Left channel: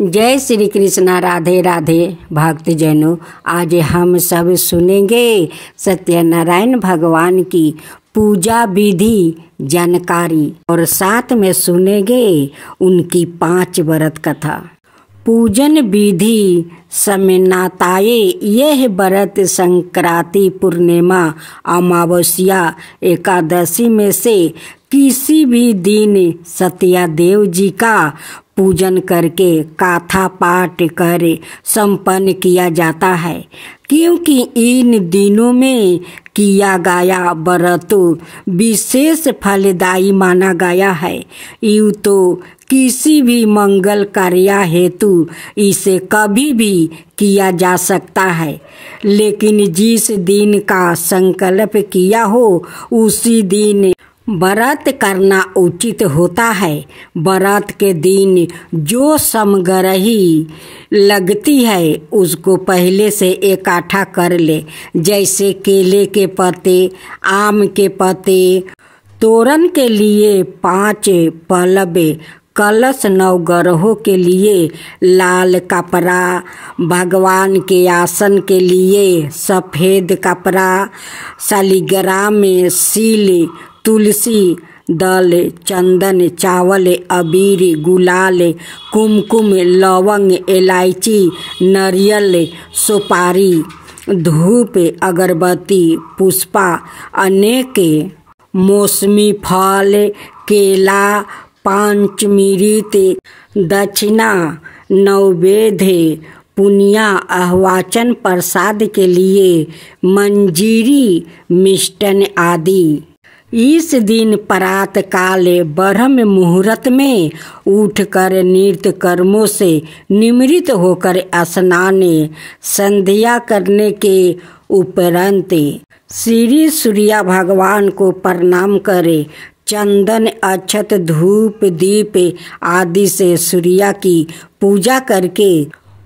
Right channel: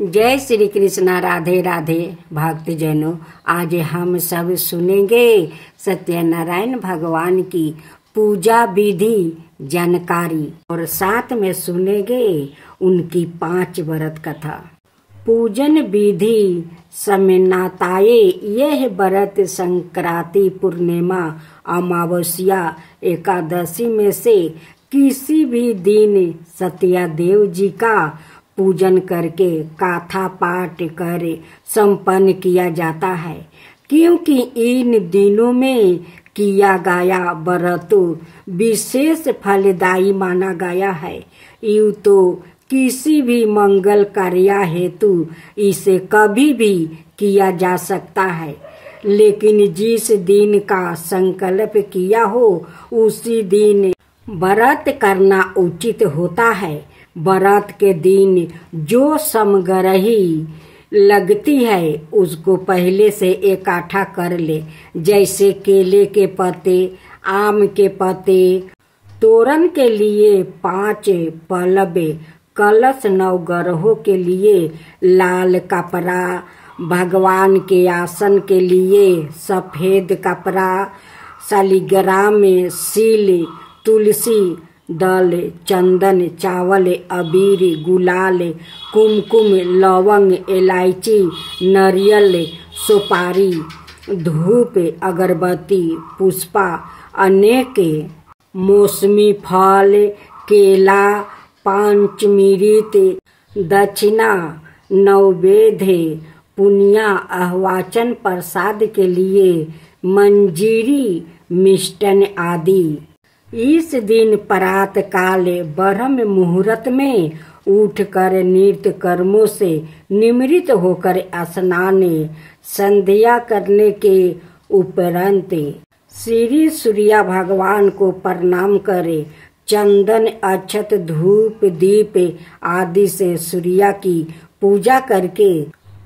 जय श्री कृष्णा। राधे राधे भक्तजनों, आज हम सब सुनेंगे सत्यनारायण भगवान की पूजा विधि जानकारी और साथ में सुनेंगे उनकी 5 व्रत कथा। पूजन विधि समनाताए यह व्रत संक्रांति, पूर्णिमा, अमावस्या, एकादशी में से किसी भी दिन सत्यादेव जी का पूजन करके कथा पाठ कर संपन्न किया जाता है, क्योंकि इन दिनों में किया गया व्रत विशेष फलदायी माना गया है। यूँ तो किसी भी मंगल कार्य हेतु इसे कभी भी किया जा सकता है, लेकिन जिस दिन का संकल्प किया हो उसी दिन व्रत करना उचित होता है। व्रत के दिन जो सामग्री लगती है उसको पहले से इकट्ठा कर ले, जैसे केले के पत्ते, आम के पत्ते, तोरण के लिए 5 पल्लव, कलश, 9 ग्रहों के लिए लाल कपड़ा, भगवान के आसन के लिए सफ़ेद कपड़ा, शालिग्राम में सील, तुलसी दल, चंदन, चावल, अबीर, गुलाल, कुमकुम, लवंग, इलायची, नारियल, सुपारी, धूप, अगरबत्ती, पुष्पा, अनेक मौसमी फल, केला, पंचमृत, दक्षिणा, नैवेद्य, पुनिया, आह्वाचन, प्रसाद के लिए मंजीरी, मिष्टन आदि। इस दिन प्रात काल ब्रह्म मुहूर्त में उठकर नित्य कर्मों से निवृत्त होकर स्नान संध्या करने के उपरांत श्री सूर्य भगवान को प्रणाम करे, चंदन, अक्षत, धूप, दीप आदि से सूर्य की पूजा करके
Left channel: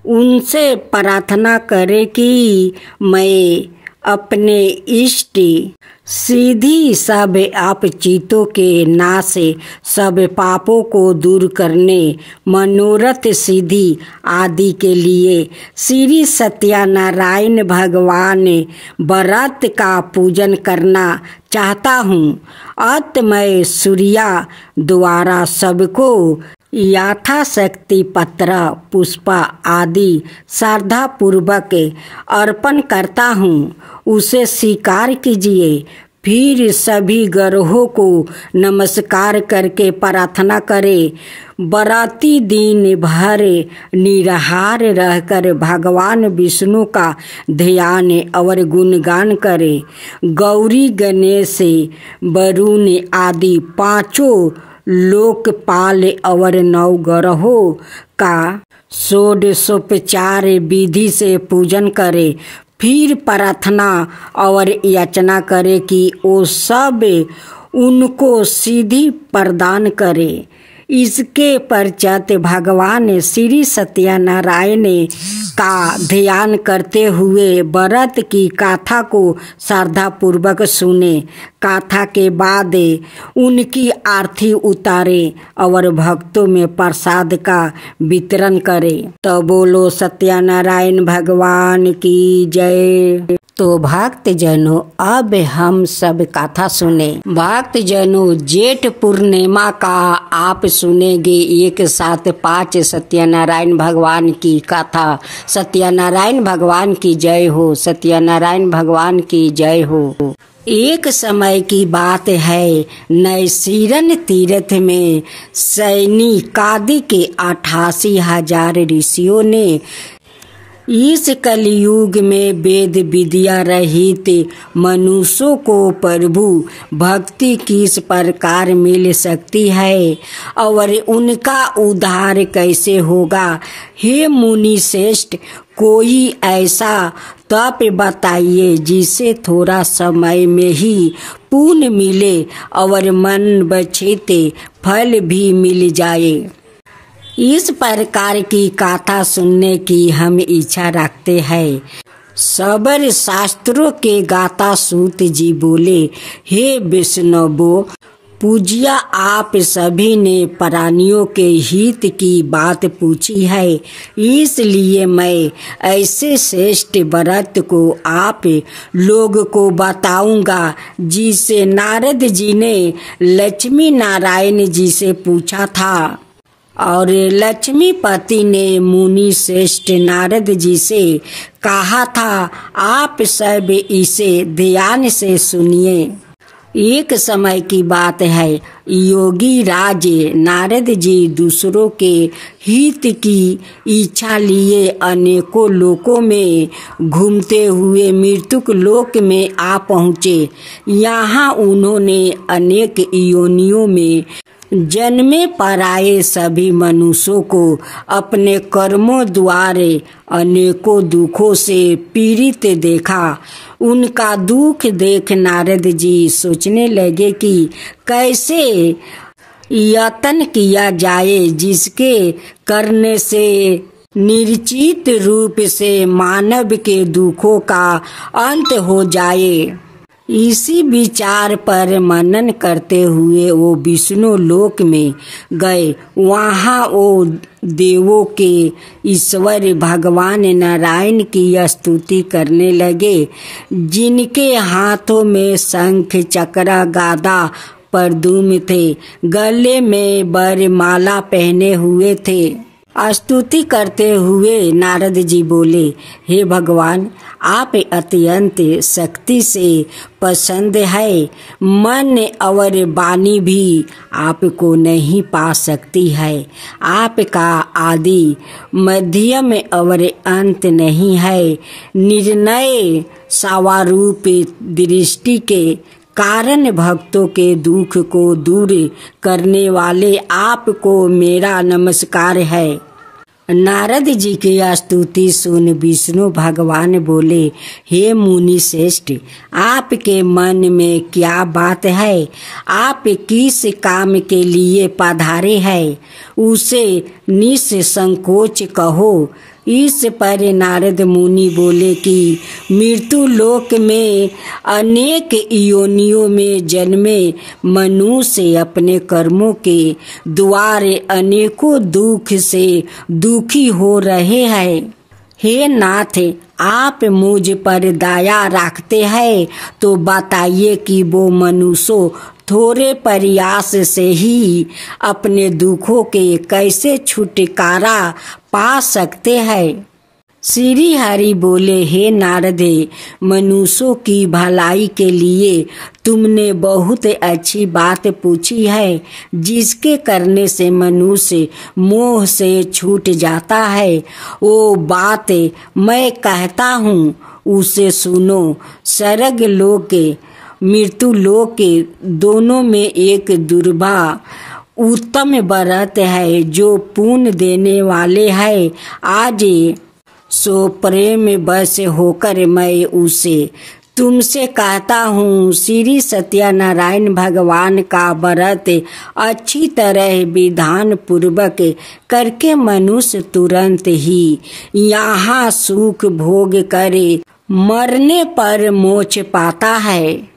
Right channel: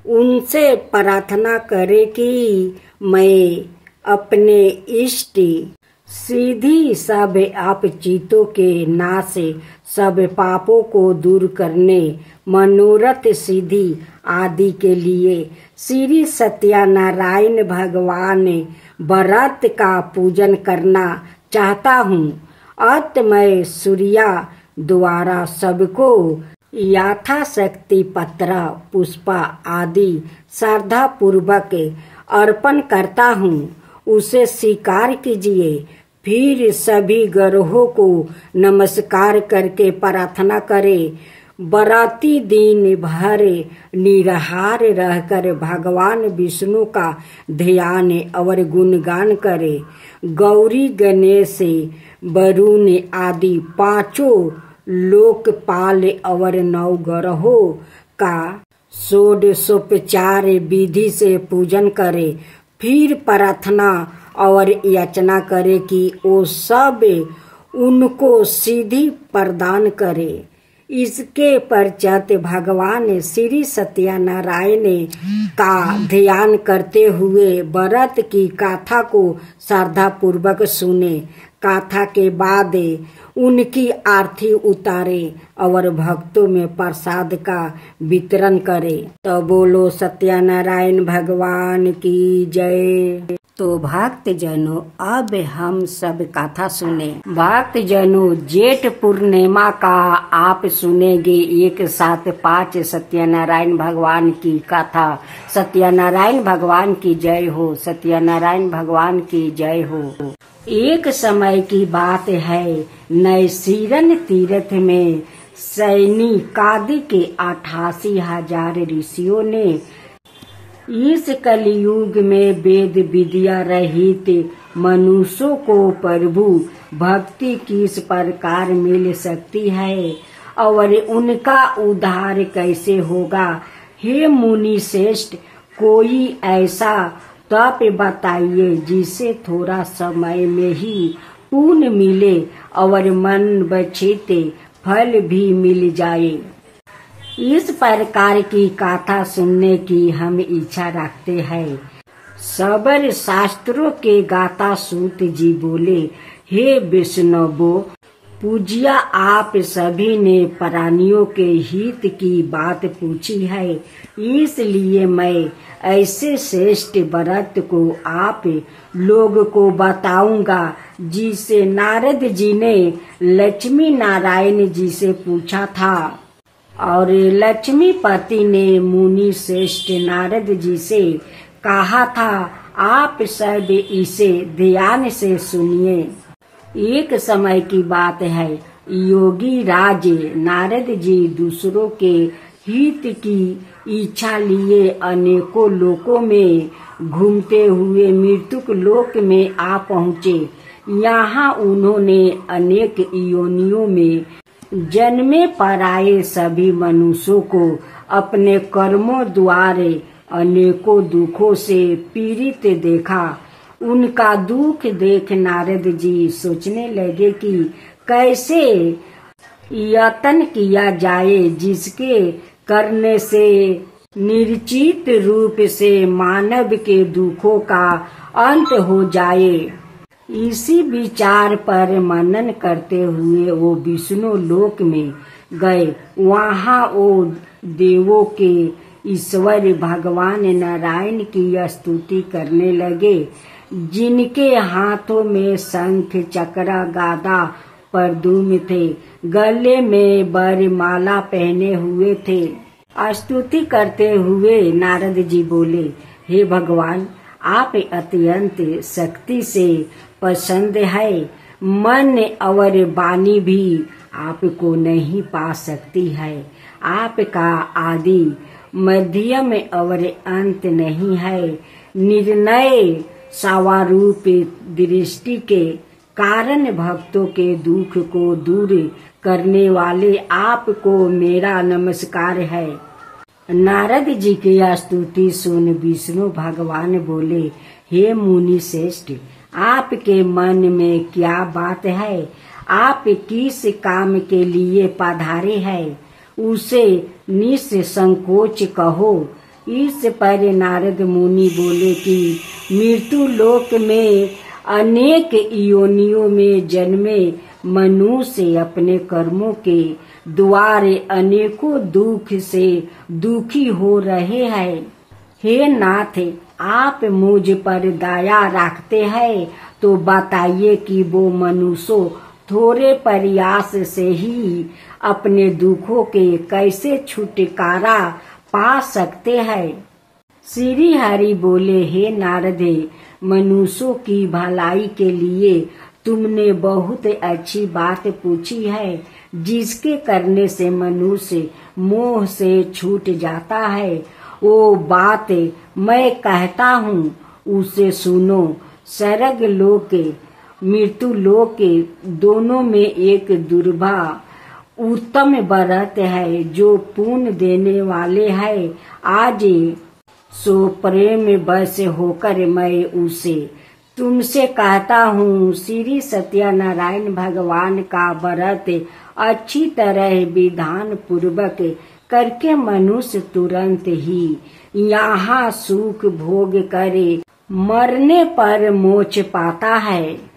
उनसे प्रार्थना करे कि मैं अपने इष्ट सिद्धि, सब आप चितों के नाश, सब पापों को दूर करने, मनोरथ सिद्धि आदि के लिए श्री सत्यनारायण भगवान व्रत का पूजन करना चाहता हूँ। अत मैं सूर्य द्वारा सबको यथाशक्ति पत्र, पुष्प आदि श्रद्धा पूर्वक अर्पण करता हूँ, उसे स्वीकार कीजिए। फिर सभी ग्रहों को नमस्कार करके प्रार्थना करें। व्रती दिन भर निराहार रहकर भगवान विष्णु का ध्यान और गुणगान करें। गौरी, गणेश, वरुण आदि 5 लोकपाल और 9 ग्रहों का षोडशोपचार विधि से पूजन करें। फिर प्रार्थना और याचना करे कि वो सब उनको सिद्धि प्रदान करे। इसके पश्चात भगवान श्री सत्यनारायण का ध्यान करते हुए व्रत की कथा को श्रद्धा पूर्वक सुने। कथा के बाद उनकी आरती उतारे और भक्तों में प्रसाद का वितरण करे। तो बोलो सत्यनारायण भगवान की जय। तो भक्तजनों, अब हम सब कथा सुने। भक्तजनों, जेठ पूर्णिमा का आप सुनेंगे एक साथ 5 सत्यनारायण भगवान की कथा। सत्यनारायण भगवान की जय हो, सत्यनारायण भगवान की जय हो। एक समय की बात है, नैसीरन तीर्थ में सैनिकादि के 88,000 ऋषियों ने इस कलयुग में वेद विद्या रहित मनुष्यों को प्रभु भक्ति किस प्रकार मिल सकती है और उनका उद्धार कैसे होगा। हे मुनि श्रेष्ठ, कोई ऐसा तप बताइए जिससे थोड़ा समय में ही पुण्य मिले और मन वांछित फल भी मिल जाए। इस प्रकार की कथा सुनने की हम इच्छा रखते हैं। सबर शास्त्रों के गाता सूत जी बोले, हे विष्णु, पूज्य आप सभी ने प्राणियों के हित की बात पूछी है, इसलिए मैं ऐसे श्रेष्ठ व्रत को आप लोग को बताऊंगा जिसे नारद जी ने लक्ष्मी नारायण जी से पूछा था। और लक्ष्मीपति ने मुनि श्रेष्ठ नारद जी से कहा था, आप सब इसे ध्यान से सुनिए। एक समय की बात है, योगी राज नारद जी दूसरों के हित की इच्छा लिए अनेकों लोकों में घूमते हुए मृत्युक लोक में आ पहुँचे। यहाँ उन्होंने अनेक योनियों में जन्मे पर आए सभी मनुष्यों को अपने कर्मों द्वारा अनेकों दुखों से पीड़ित देखा। उनका दुख देख नारद जी सोचने लगे कि कैसे यत्न किया जाए जिसके करने से निश्चित रूप से मानव के दुखों का अंत हो जाए। इसी विचार पर मनन करते हुए वो विष्णु लोक में गए। वहाँ वो देवों के ईश्वर भगवान नारायण की स्तुति करने लगे, जिनके हाथों में शंख चक्र गदा परदुम थे, गले में वरमाला पहने हुए थे। स्तुति करते हुए नारद जी बोले, हे भगवान, आप अत्यंत शक्ति से पसंद है। मन और वाणी भी आपको नहीं पा सकती है। आपका आदि मध्यम और अंत नहीं है। निर्णय स्वारूप दृष्टि के कारण भक्तों के दुख को दूर करने वाले आपको मेरा नमस्कार है। नारद जी की स्तुति सुन विष्णु भगवान बोले, हे मुनि श्रेष्ठ, आपके मन में क्या बात है? आप किस काम के लिए पधारे हैं? उसे निसंकोच कहो। इस पर नारद मुनि बोले कि मृत्यु लोक में अनेक योनियों में जन्मे मनुष्य अपने कर्मों के द्वारे अनेकों दुख से दुखी हो रहे हैं। हे नाथ, आप मुझ पर दया रखते हैं तो बताइए कि वो मनुष्य थोड़े प्रयास से ही अपने दुखों के कैसे छुटकारा पा सकते हैं। श्री हरि बोले, हे नारद, मनुष्यों की भलाई के लिए तुमने बहुत अच्छी बात पूछी है, जिसके करने से मनुष्य मोह से छूट जाता है। वो बात मैं कहता हूँ, उसे सुनो। स्वर्ग लोक मृत्यु लोक दोनों में एक दुर्लभ उत्तम व्रत है जो पुण्य देने वाले है। आज सो प्रेम बस होकर मैं उसे तुमसे कहता हूँ। श्री सत्यनारायण भगवान का व्रत अच्छी तरह विधान पूर्वक करके मनुष्य तुरंत ही यहाँ सुख भोग करे मरने पर मोक्ष पाता है।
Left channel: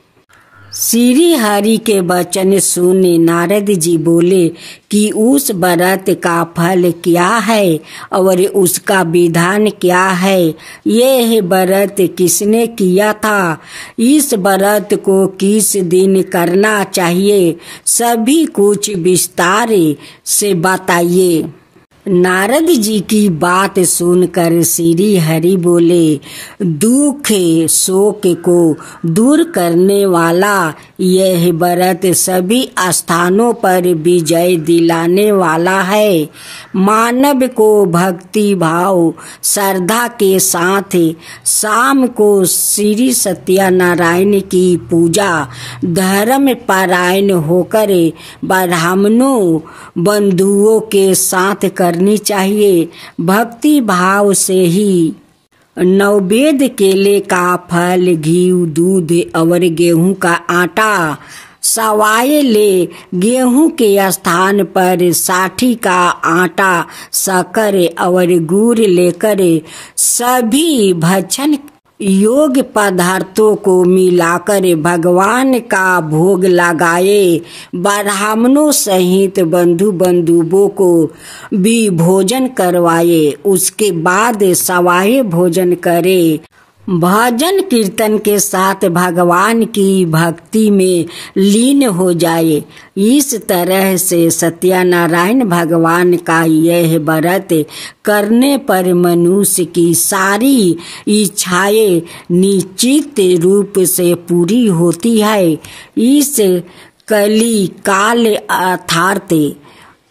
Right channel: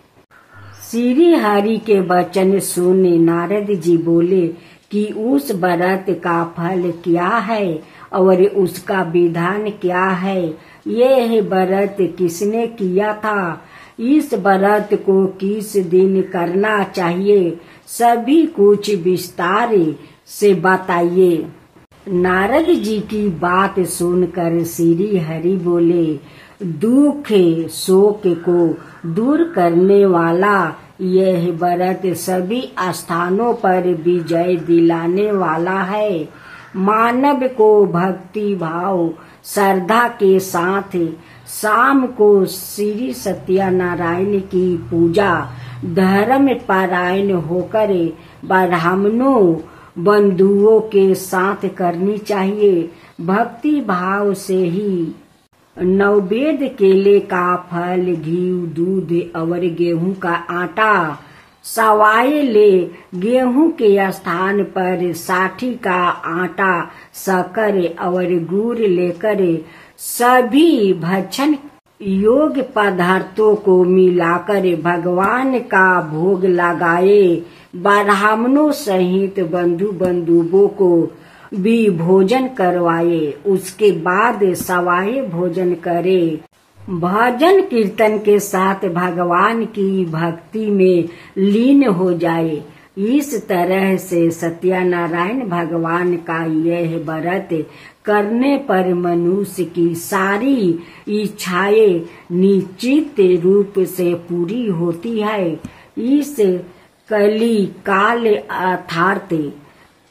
श्री हरि के वचन सुन नारद जी बोले कि उस व्रत का फल क्या है और उसका विधान क्या है? यह व्रत किसने किया था? इस व्रत को किस दिन करना चाहिए? सभी कुछ विस्तार से बताइए। नारद जी की बात सुनकर श्री हरि बोले, दुख शोक को दूर करने वाला यह व्रत सभी स्थानों पर विजय दिलाने वाला है। मानव को भक्ति भाव श्रद्धा के साथ शाम को श्री सत्यनारायण की पूजा धर्म परायण होकर ब्राह्मणों बंधुओं के साथ करनी चाहिए। भक्ति भाव से ही नैवेद्य केले का फल, घी, दूध और गेहूं का आटा सवाए ले। गेहूं के स्थान पर साठी का आटा, शक्कर और गुड़ लेकर सभी भक्षण योग पदार्थों को मिलाकर भगवान का भोग लगाए, ब्राह्मणों सहित बंधु बंधुओं को भी भोजन करवाए, उसके बाद सवाए भोजन करे, भजन कीर्तन के साथ भगवान की भक्ति में लीन हो जाए। इस तरह से सत्यनारायण भगवान का यह व्रत करने पर मनुष्य की सारी इच्छाएं निश्चित रूप से पूरी होती है। इस कली काल अर्थात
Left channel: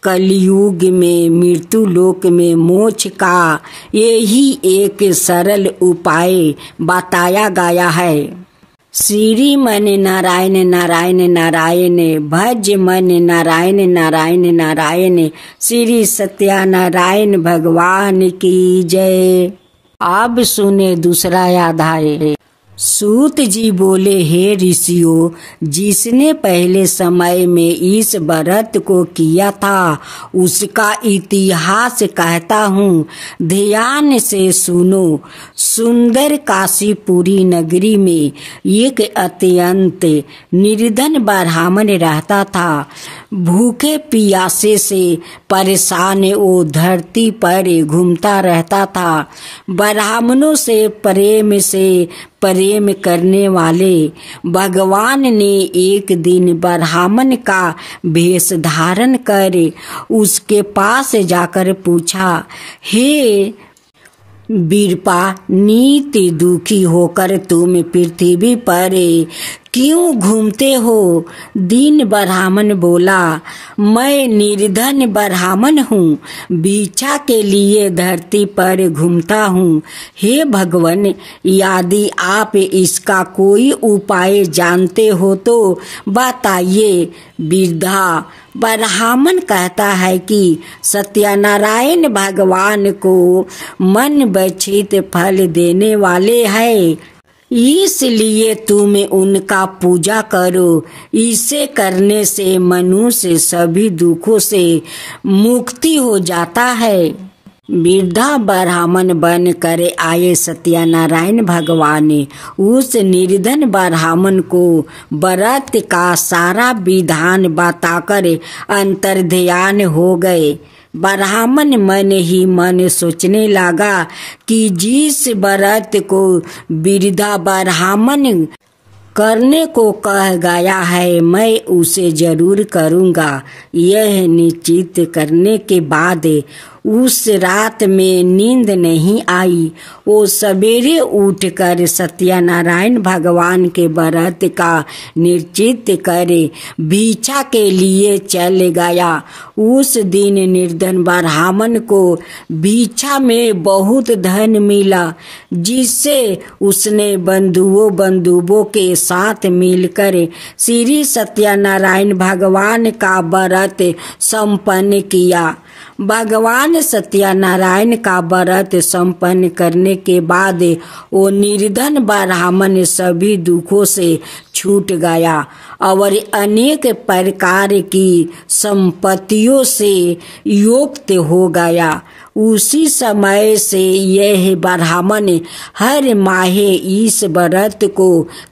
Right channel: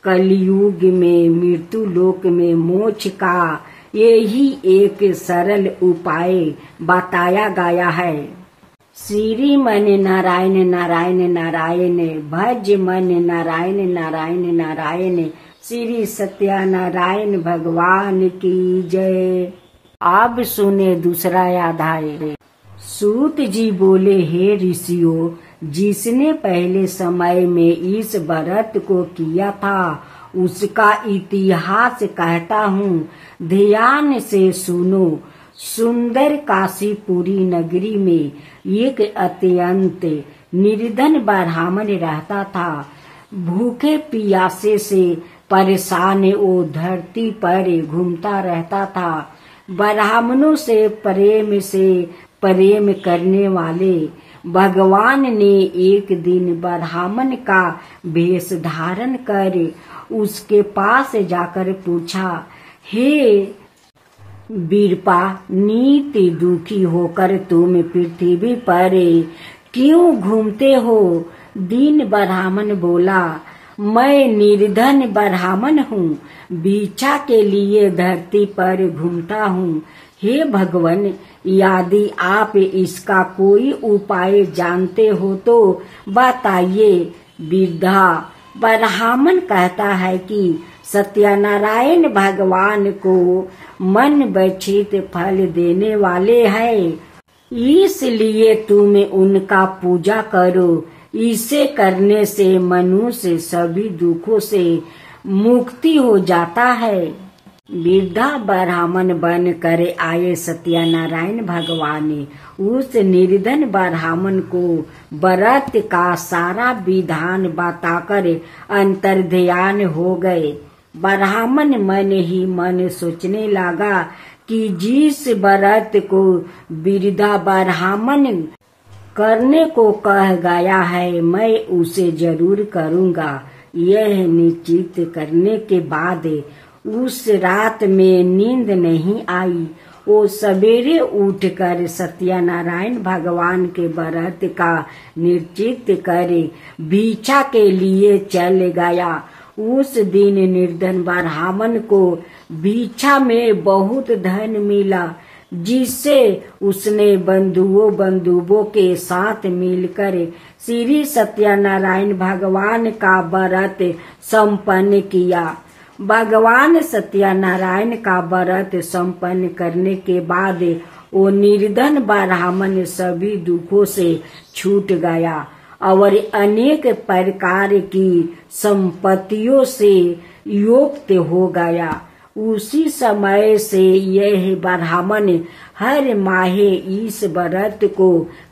कलयुग में मृत्यु लोक में मोक्ष का यही एक सरल उपाय बताया गया है। श्री मन नारायण नारायण नारायण, भज मन नारायण नारायण नारायण। श्री सत्यनारायण भगवान की जय। अब सुने दूसरा अध्याय। सूत जी बोले, हे ऋषियों, जिसने पहले समय में इस व्रत को किया था उसका इतिहास कहता हूँ, ध्यान से सुनो। सुंदर काशीपुरी नगरी में एक अत्यंत निर्धन ब्राह्मण रहता था। भूखे प्यासे से परेशान वो धरती पर घूमता रहता था। ब्राह्मणों से प्रेम करने वाले भगवान ने एक दिन ब्राह्मण का वेश धारण कर उसके पास जाकर पूछा, हे वीरपा, नित्य दुखी होकर तुम पृथ्वी पर क्यों घूमते हो? दीन ब्राह्मण बोला, मैं निर्धन ब्राह्मण हूँ, भिक्षा के लिए धरती पर घूमता हूँ। हे भगवान, यदि आप इसका कोई उपाय जानते हो तो बताइए। वृद्धा ब्राह्मण कहता है कि सत्यनारायण भगवान को मन वांछित फल देने वाले हैं, इसलिए तुम उनका पूजा करो। इसे करने से मनुष्य सभी दुखों से मुक्ति हो जाता है। वृद्धा ब्राह्मण बन कर आए सत्यनारायण भगवान उस निर्धन ब्राह्मण को व्रत का सारा विधान बताकर अंतर्ध्यान हो गए। ब्राह्मण मन ही मन सोचने लगा कि जिस व्रत को वृद्धा ब्राह्मण करने को कह गया है, मैं उसे जरूर करूँगा। यह निश्चित करने के बाद उस रात में नींद नहीं आई। वो सवेरे उठकर सत्यनारायण भगवान के व्रत का निश्चित करे भिक्षा के लिए चल गया। उस दिन निर्धन ब्राह्मण को भिक्षा में बहुत धन मिला, जिससे उसने बंधुओं के साथ मिलकर श्री सत्यनारायण भगवान का व्रत संपन्न किया। भगवान सत्यनारायण का व्रत संपन्न करने के बाद वो निर्धन ब्राह्मण सभी दुखों से छूट गया और अनेक प्रकार की संपत्तियों से युक्त हो गया। उसी समय से यह ब्राह्मण हर माह इस व्रत को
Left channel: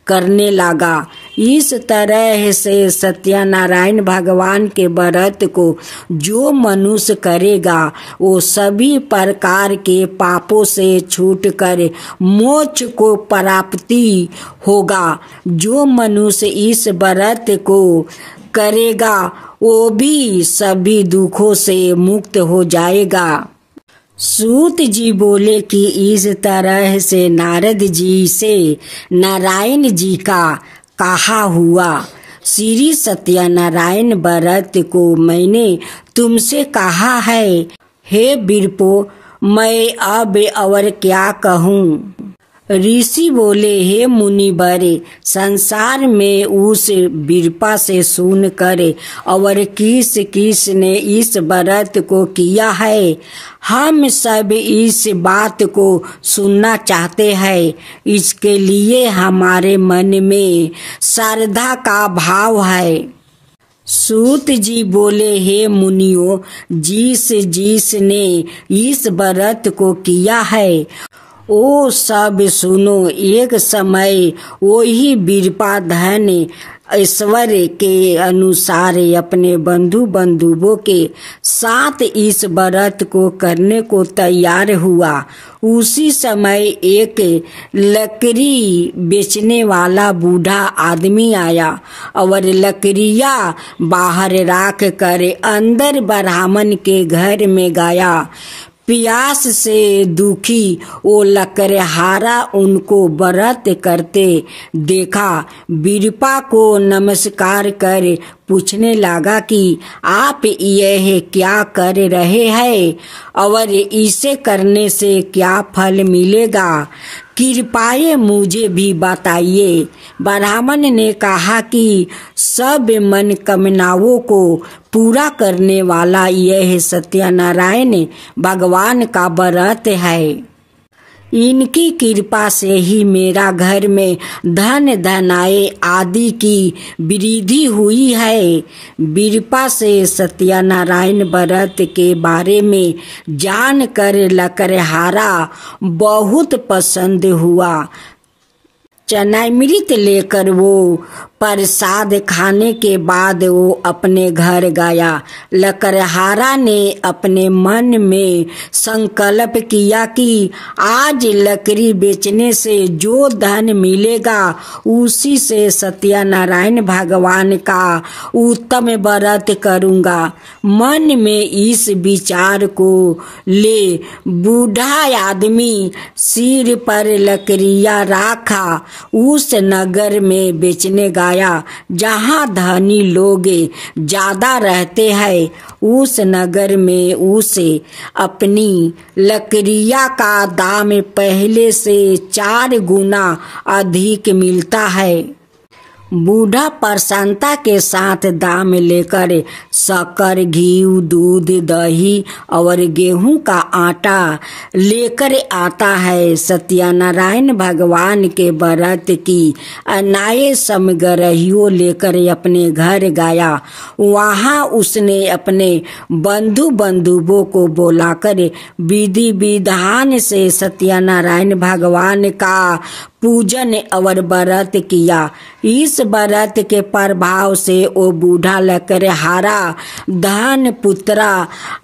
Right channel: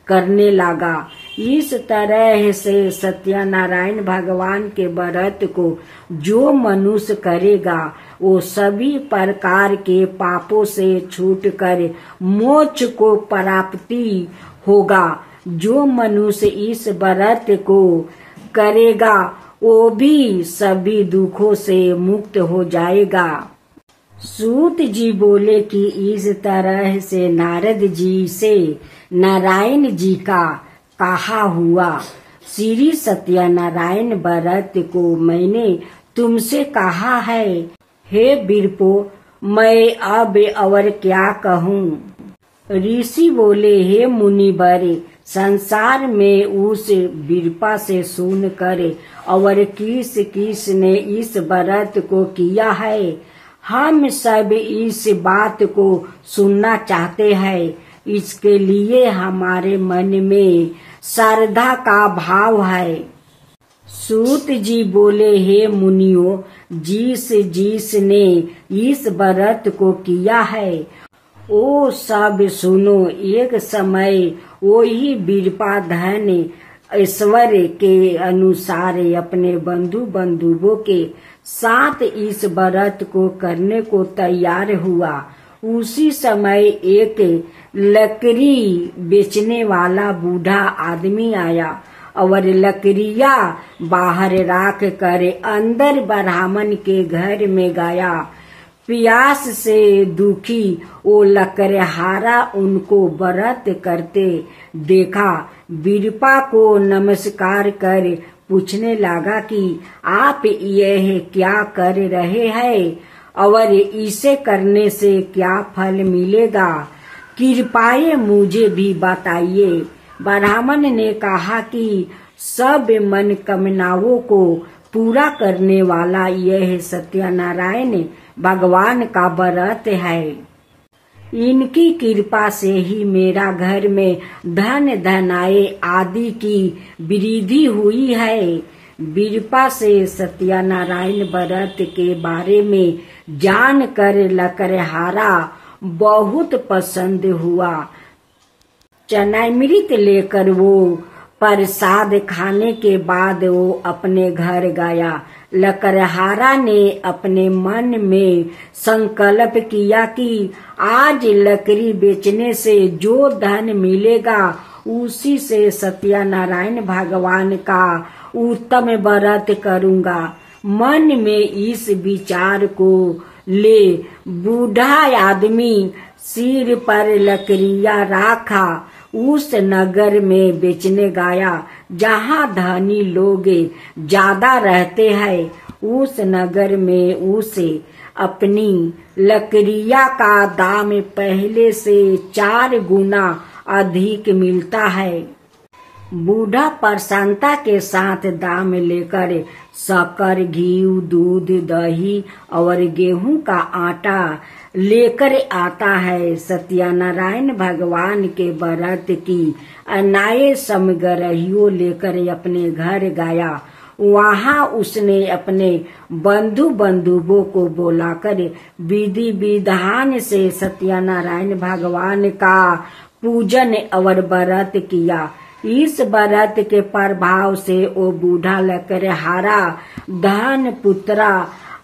करने लगा। इस तरह से सत्यनारायण भगवान के व्रत को जो मनुष्य करेगा वो सभी प्रकार के पापों से छूटकर मोक्ष को प्राप्ति होगा। जो मनुष्य इस व्रत को करेगा वो भी सभी दुखों से मुक्त हो जाएगा। सूत जी बोले कि इस तरह से नारद जी से नारायण जी का कहा हुआ। श्री सत्यनारायण व्रत को मैंने तुमसे कहा है। हे वीरपो, मैं अब और क्या कहूँ? ऋषि बोले, हे मुनिवर, संसार में उस वीरपा से सुन कर और किस ने इस व्रत को किया है, हम सब इस बात को सुनना चाहते हैं। इसके लिए हमारे मन में श्रद्धा का भाव है। सूत जी बोले, हे मुनियों, जिस ने इस व्रत को किया है ओ सब सुनो, एक समय वही बीरपा धन ऐश्वर्य के अनुसार अपने बंधु बंधुओं के साथ इस व्रत को करने को तैयार हुआ। उसी समय एक लकड़ी बेचने वाला बूढ़ा आदमी आया और लकड़ियां बाहर राख कर अंदर ब्राह्मण के घर में गया। प्यास से दुखी वो लकड़हारा उनको व्रत करते देखा। बीरपा को नमस्कार कर पूछने लगा कि आप यह क्या कर रहे हैं और इसे करने से क्या फल मिलेगा, कृपया मुझे भी बताइए। ब्राह्मण ने कहा कि सब मनोकामनाओं को पूरा करने वाला यह सत्यनारायण भगवान का व्रत है। इनकी कृपा से ही मेरा घर में धन धनाए आदि की वृद्धि हुई है। बीरपा से सत्यनारायण व्रत के बारे में जानकर लकड़हारा बहुत पसंद हुआ। चनामृत लेकर वो प्रसाद खाने के बाद वो अपने घर गया। लकड़हारा ने अपने मन में संकल्प किया कि आज लकड़ी बेचने से जो धन मिलेगा उसी से सत्यनारायण भगवान का उत्तम व्रत करूंगा। मन में इस विचार को ले बूढ़ा आदमी सिर पर लकड़ियां रखा उस नगर में बेचने गया जहाँ धनी लोग ज्यादा रहते हैं। उस नगर में उसे अपनी लकड़ियां का दाम पहले से 4 गुना अधिक मिलता है। बूढ़ा प्रसन्नता के साथ दाम लेकर शक्कर, घी, दूध, दही और गेहूं का आटा लेकर आता है। सत्यनारायण भगवान के व्रत की अनाय सामग्रियों लेकर अपने घर गया। वहां उसने अपने बंधु बंधुओं को बुलाकर विधि विधान से सत्यनारायण भगवान का पूजन और व्रत किया। इस व्रत के प्रभाव से वो बूढ़ा लकड़हारा धन पुत्रा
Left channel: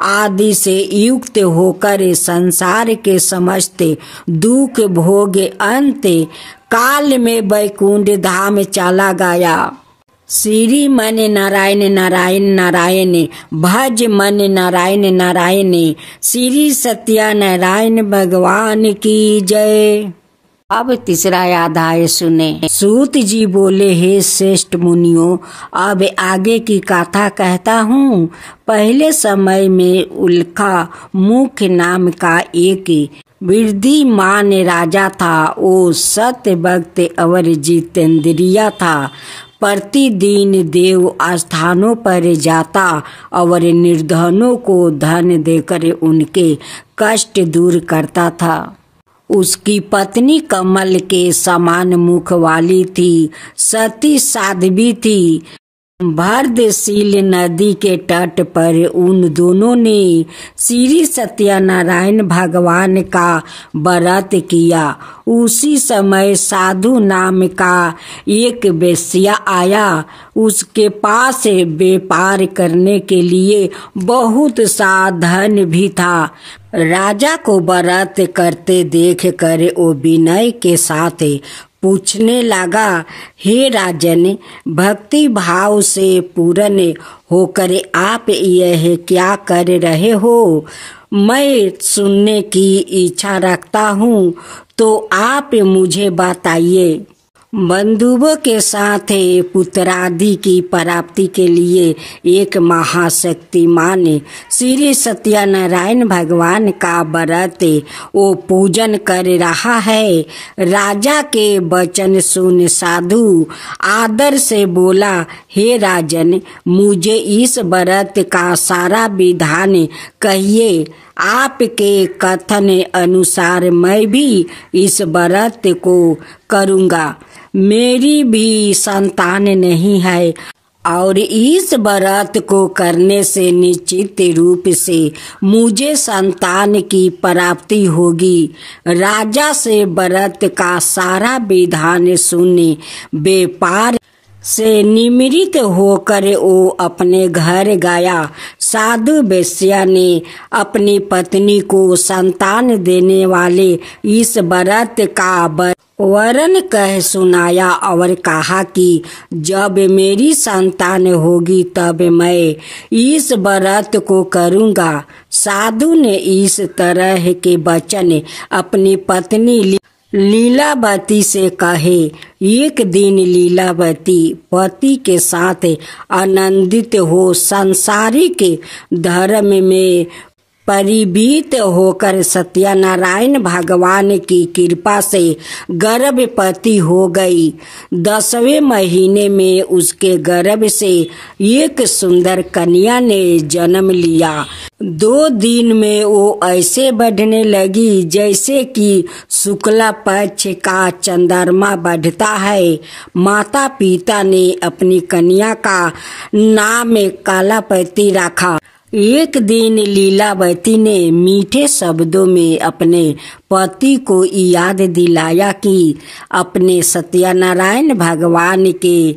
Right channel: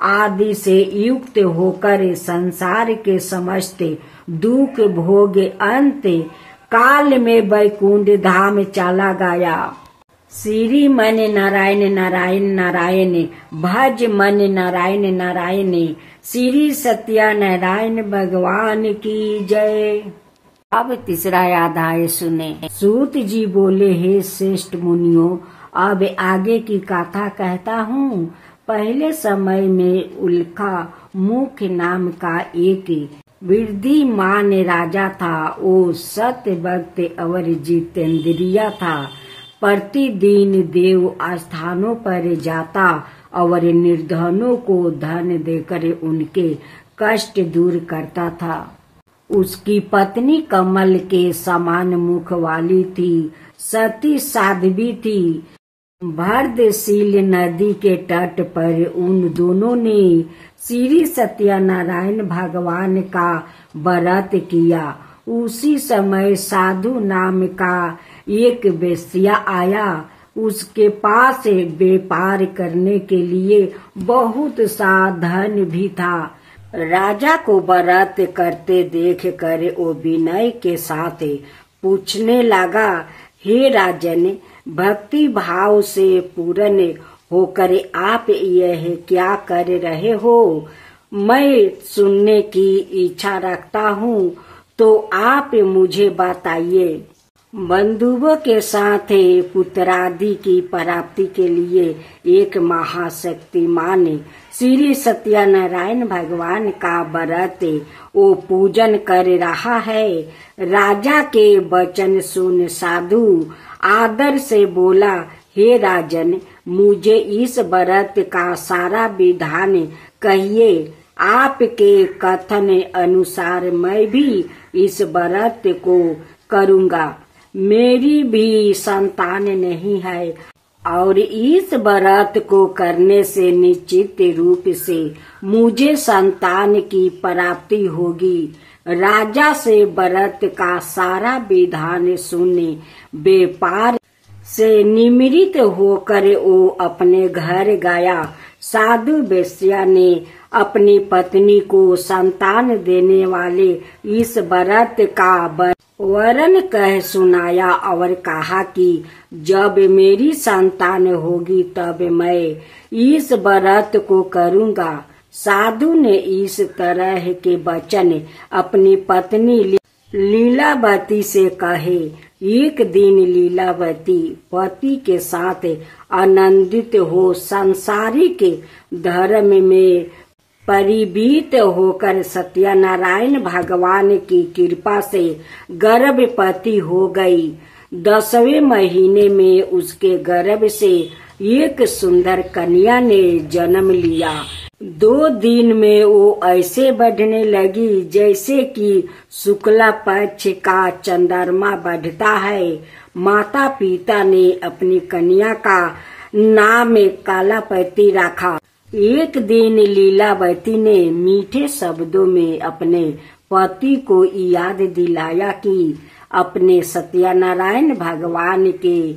आदि से युक्त होकर संसार के समस्त दुख भोगे अंत काल में वैकुंठ धाम चला गया। श्री मन नारायण नारायण नारायण, भज मन नारायण नारायण। श्री सत्यनारायण भगवान की जय। अब तीसरा अध्याय सुने। सूत जी बोले, हे श्रेष्ठ मुनियों, अब आगे की कथा कहता हूँ। पहले समय में उल्का मुख नाम का एक वृद्धिमान राजा था। वो सत्य भक्त और जितेंद्रिया था। प्रतिदिन देव स्थानों पर जाता और निर्धनों को धन देकर उनके कष्ट दूर करता था। उसकी पत्नी कमल के समान मुख वाली थी, सती साध्वी थी। भरतशील नदी के तट पर उन दोनों ने श्री सत्यनारायण भगवान का व्रत किया। उसी समय साधु नाम का एक वेश्या आया। उसके पास व्यापार करने के लिए बहुत सा धन भी था। राजा को व्रत करते देख कर वो विनय के साथ पूछने लगा, हे राजन, भक्ति भाव से पूर्ण होकर आप यह क्या कर रहे हो? मैं सुनने की इच्छा रखता हूँ, तो आप मुझे बताइए। बंधुओं के साथ पुत्रादि की प्राप्ति के लिए एक महाशक्तिमान श्री सत्यनारायण भगवान का व्रत वो पूजन कर रहा है। राजा के वचन सुन साधु आदर से बोला, हे राजन, मुझे इस व्रत का सारा विधान कहिए। आपके कथन अनुसार मैं भी इस व्रत को करूँगा। मेरी भी संतान नहीं है और इस व्रत को करने से निश्चित रूप से मुझे संतान की प्राप्ति होगी। राजा से व्रत का सारा विधान सुने व्यापार से निमृत होकर वो अपने घर गया। साधु वेश्या ने अपनी पत्नी को संतान देने वाले इस व्रत का वरन कह सुनाया और कहा कि जब मेरी संतान होगी तब मैं इस व्रत को करूँगा। साधु ने इस तरह के वचन अपनी पत्नी लीलावती से कहे। एक दिन लीलावती पति के साथ आनंदित हो संसारिक धर्म में परिभीत होकर सत्यनारायण भगवान की कृपा से गर्भवती हो गई। 10वें महीने में उसके गर्भ से एक सुंदर कन्या ने जन्म लिया। 2 दिन में वो ऐसे बढ़ने लगी जैसे कि शुक्ला पक्ष का चंद्रमा बढ़ता है। माता पिता ने अपनी कन्या का नाम कालापति रखा। एक दिन लीलावती ने मीठे शब्दों में अपने पति को याद दिलाया कि अपने सत्यनारायण भगवान के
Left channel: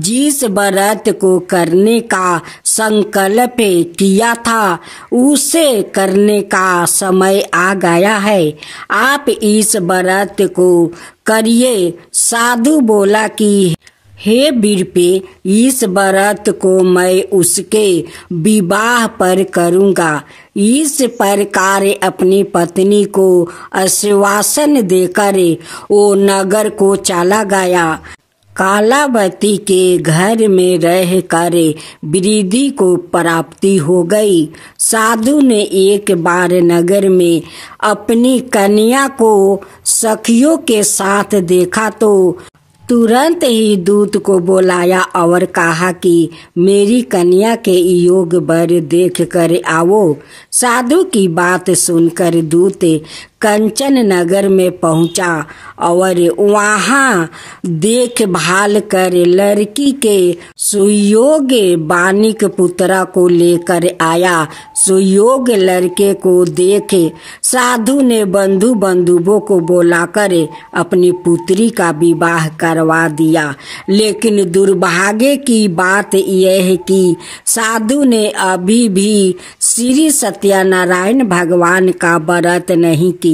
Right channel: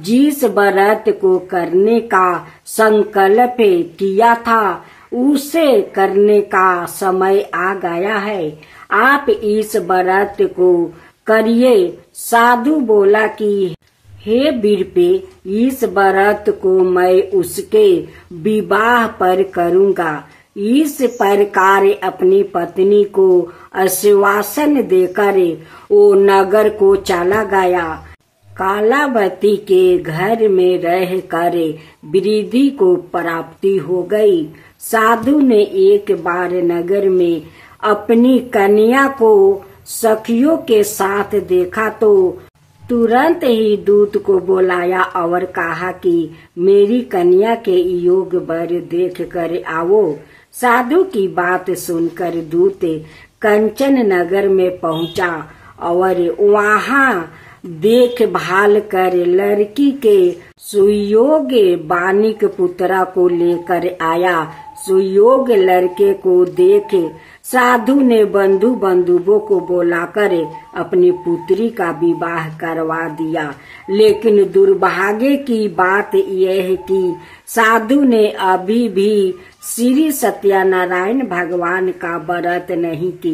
जिस व्रत को करने का संकल्प किया था उसे करने का समय आ गया है। आप इस व्रत को करिए। साधु बोला कि हे वीरपे, इस व्रत को मैं उसके विवाह पर करूँगा। इस प्रकार अपनी पत्नी को आश्वासन देकर वो नगर को चला गया। कालावती के घर में रहकर वृद्धि को प्राप्ति हो गई। साधु ने एक बार नगर में अपनी कन्या को सखियों के साथ देखा तो तुरंत ही दूत को बुलाया और कहा कि मेरी कन्या के योग वर देख कर आओ। साधु की बात सुनकर दूत कंचन नगर में पहुंचा और वहां देखभाल कर लड़की के सुयोग बानिक पुत्रा को लेकर आया। सुयोग लड़के को देखे साधु ने बंधु बंधुओं को बुलाकर अपनी पुत्री का विवाह करवा दिया। लेकिन दुर्भाग्य की बात यह है कि साधु ने अभी भी श्री सत्यनारायण भगवान का व्रत नहीं किया।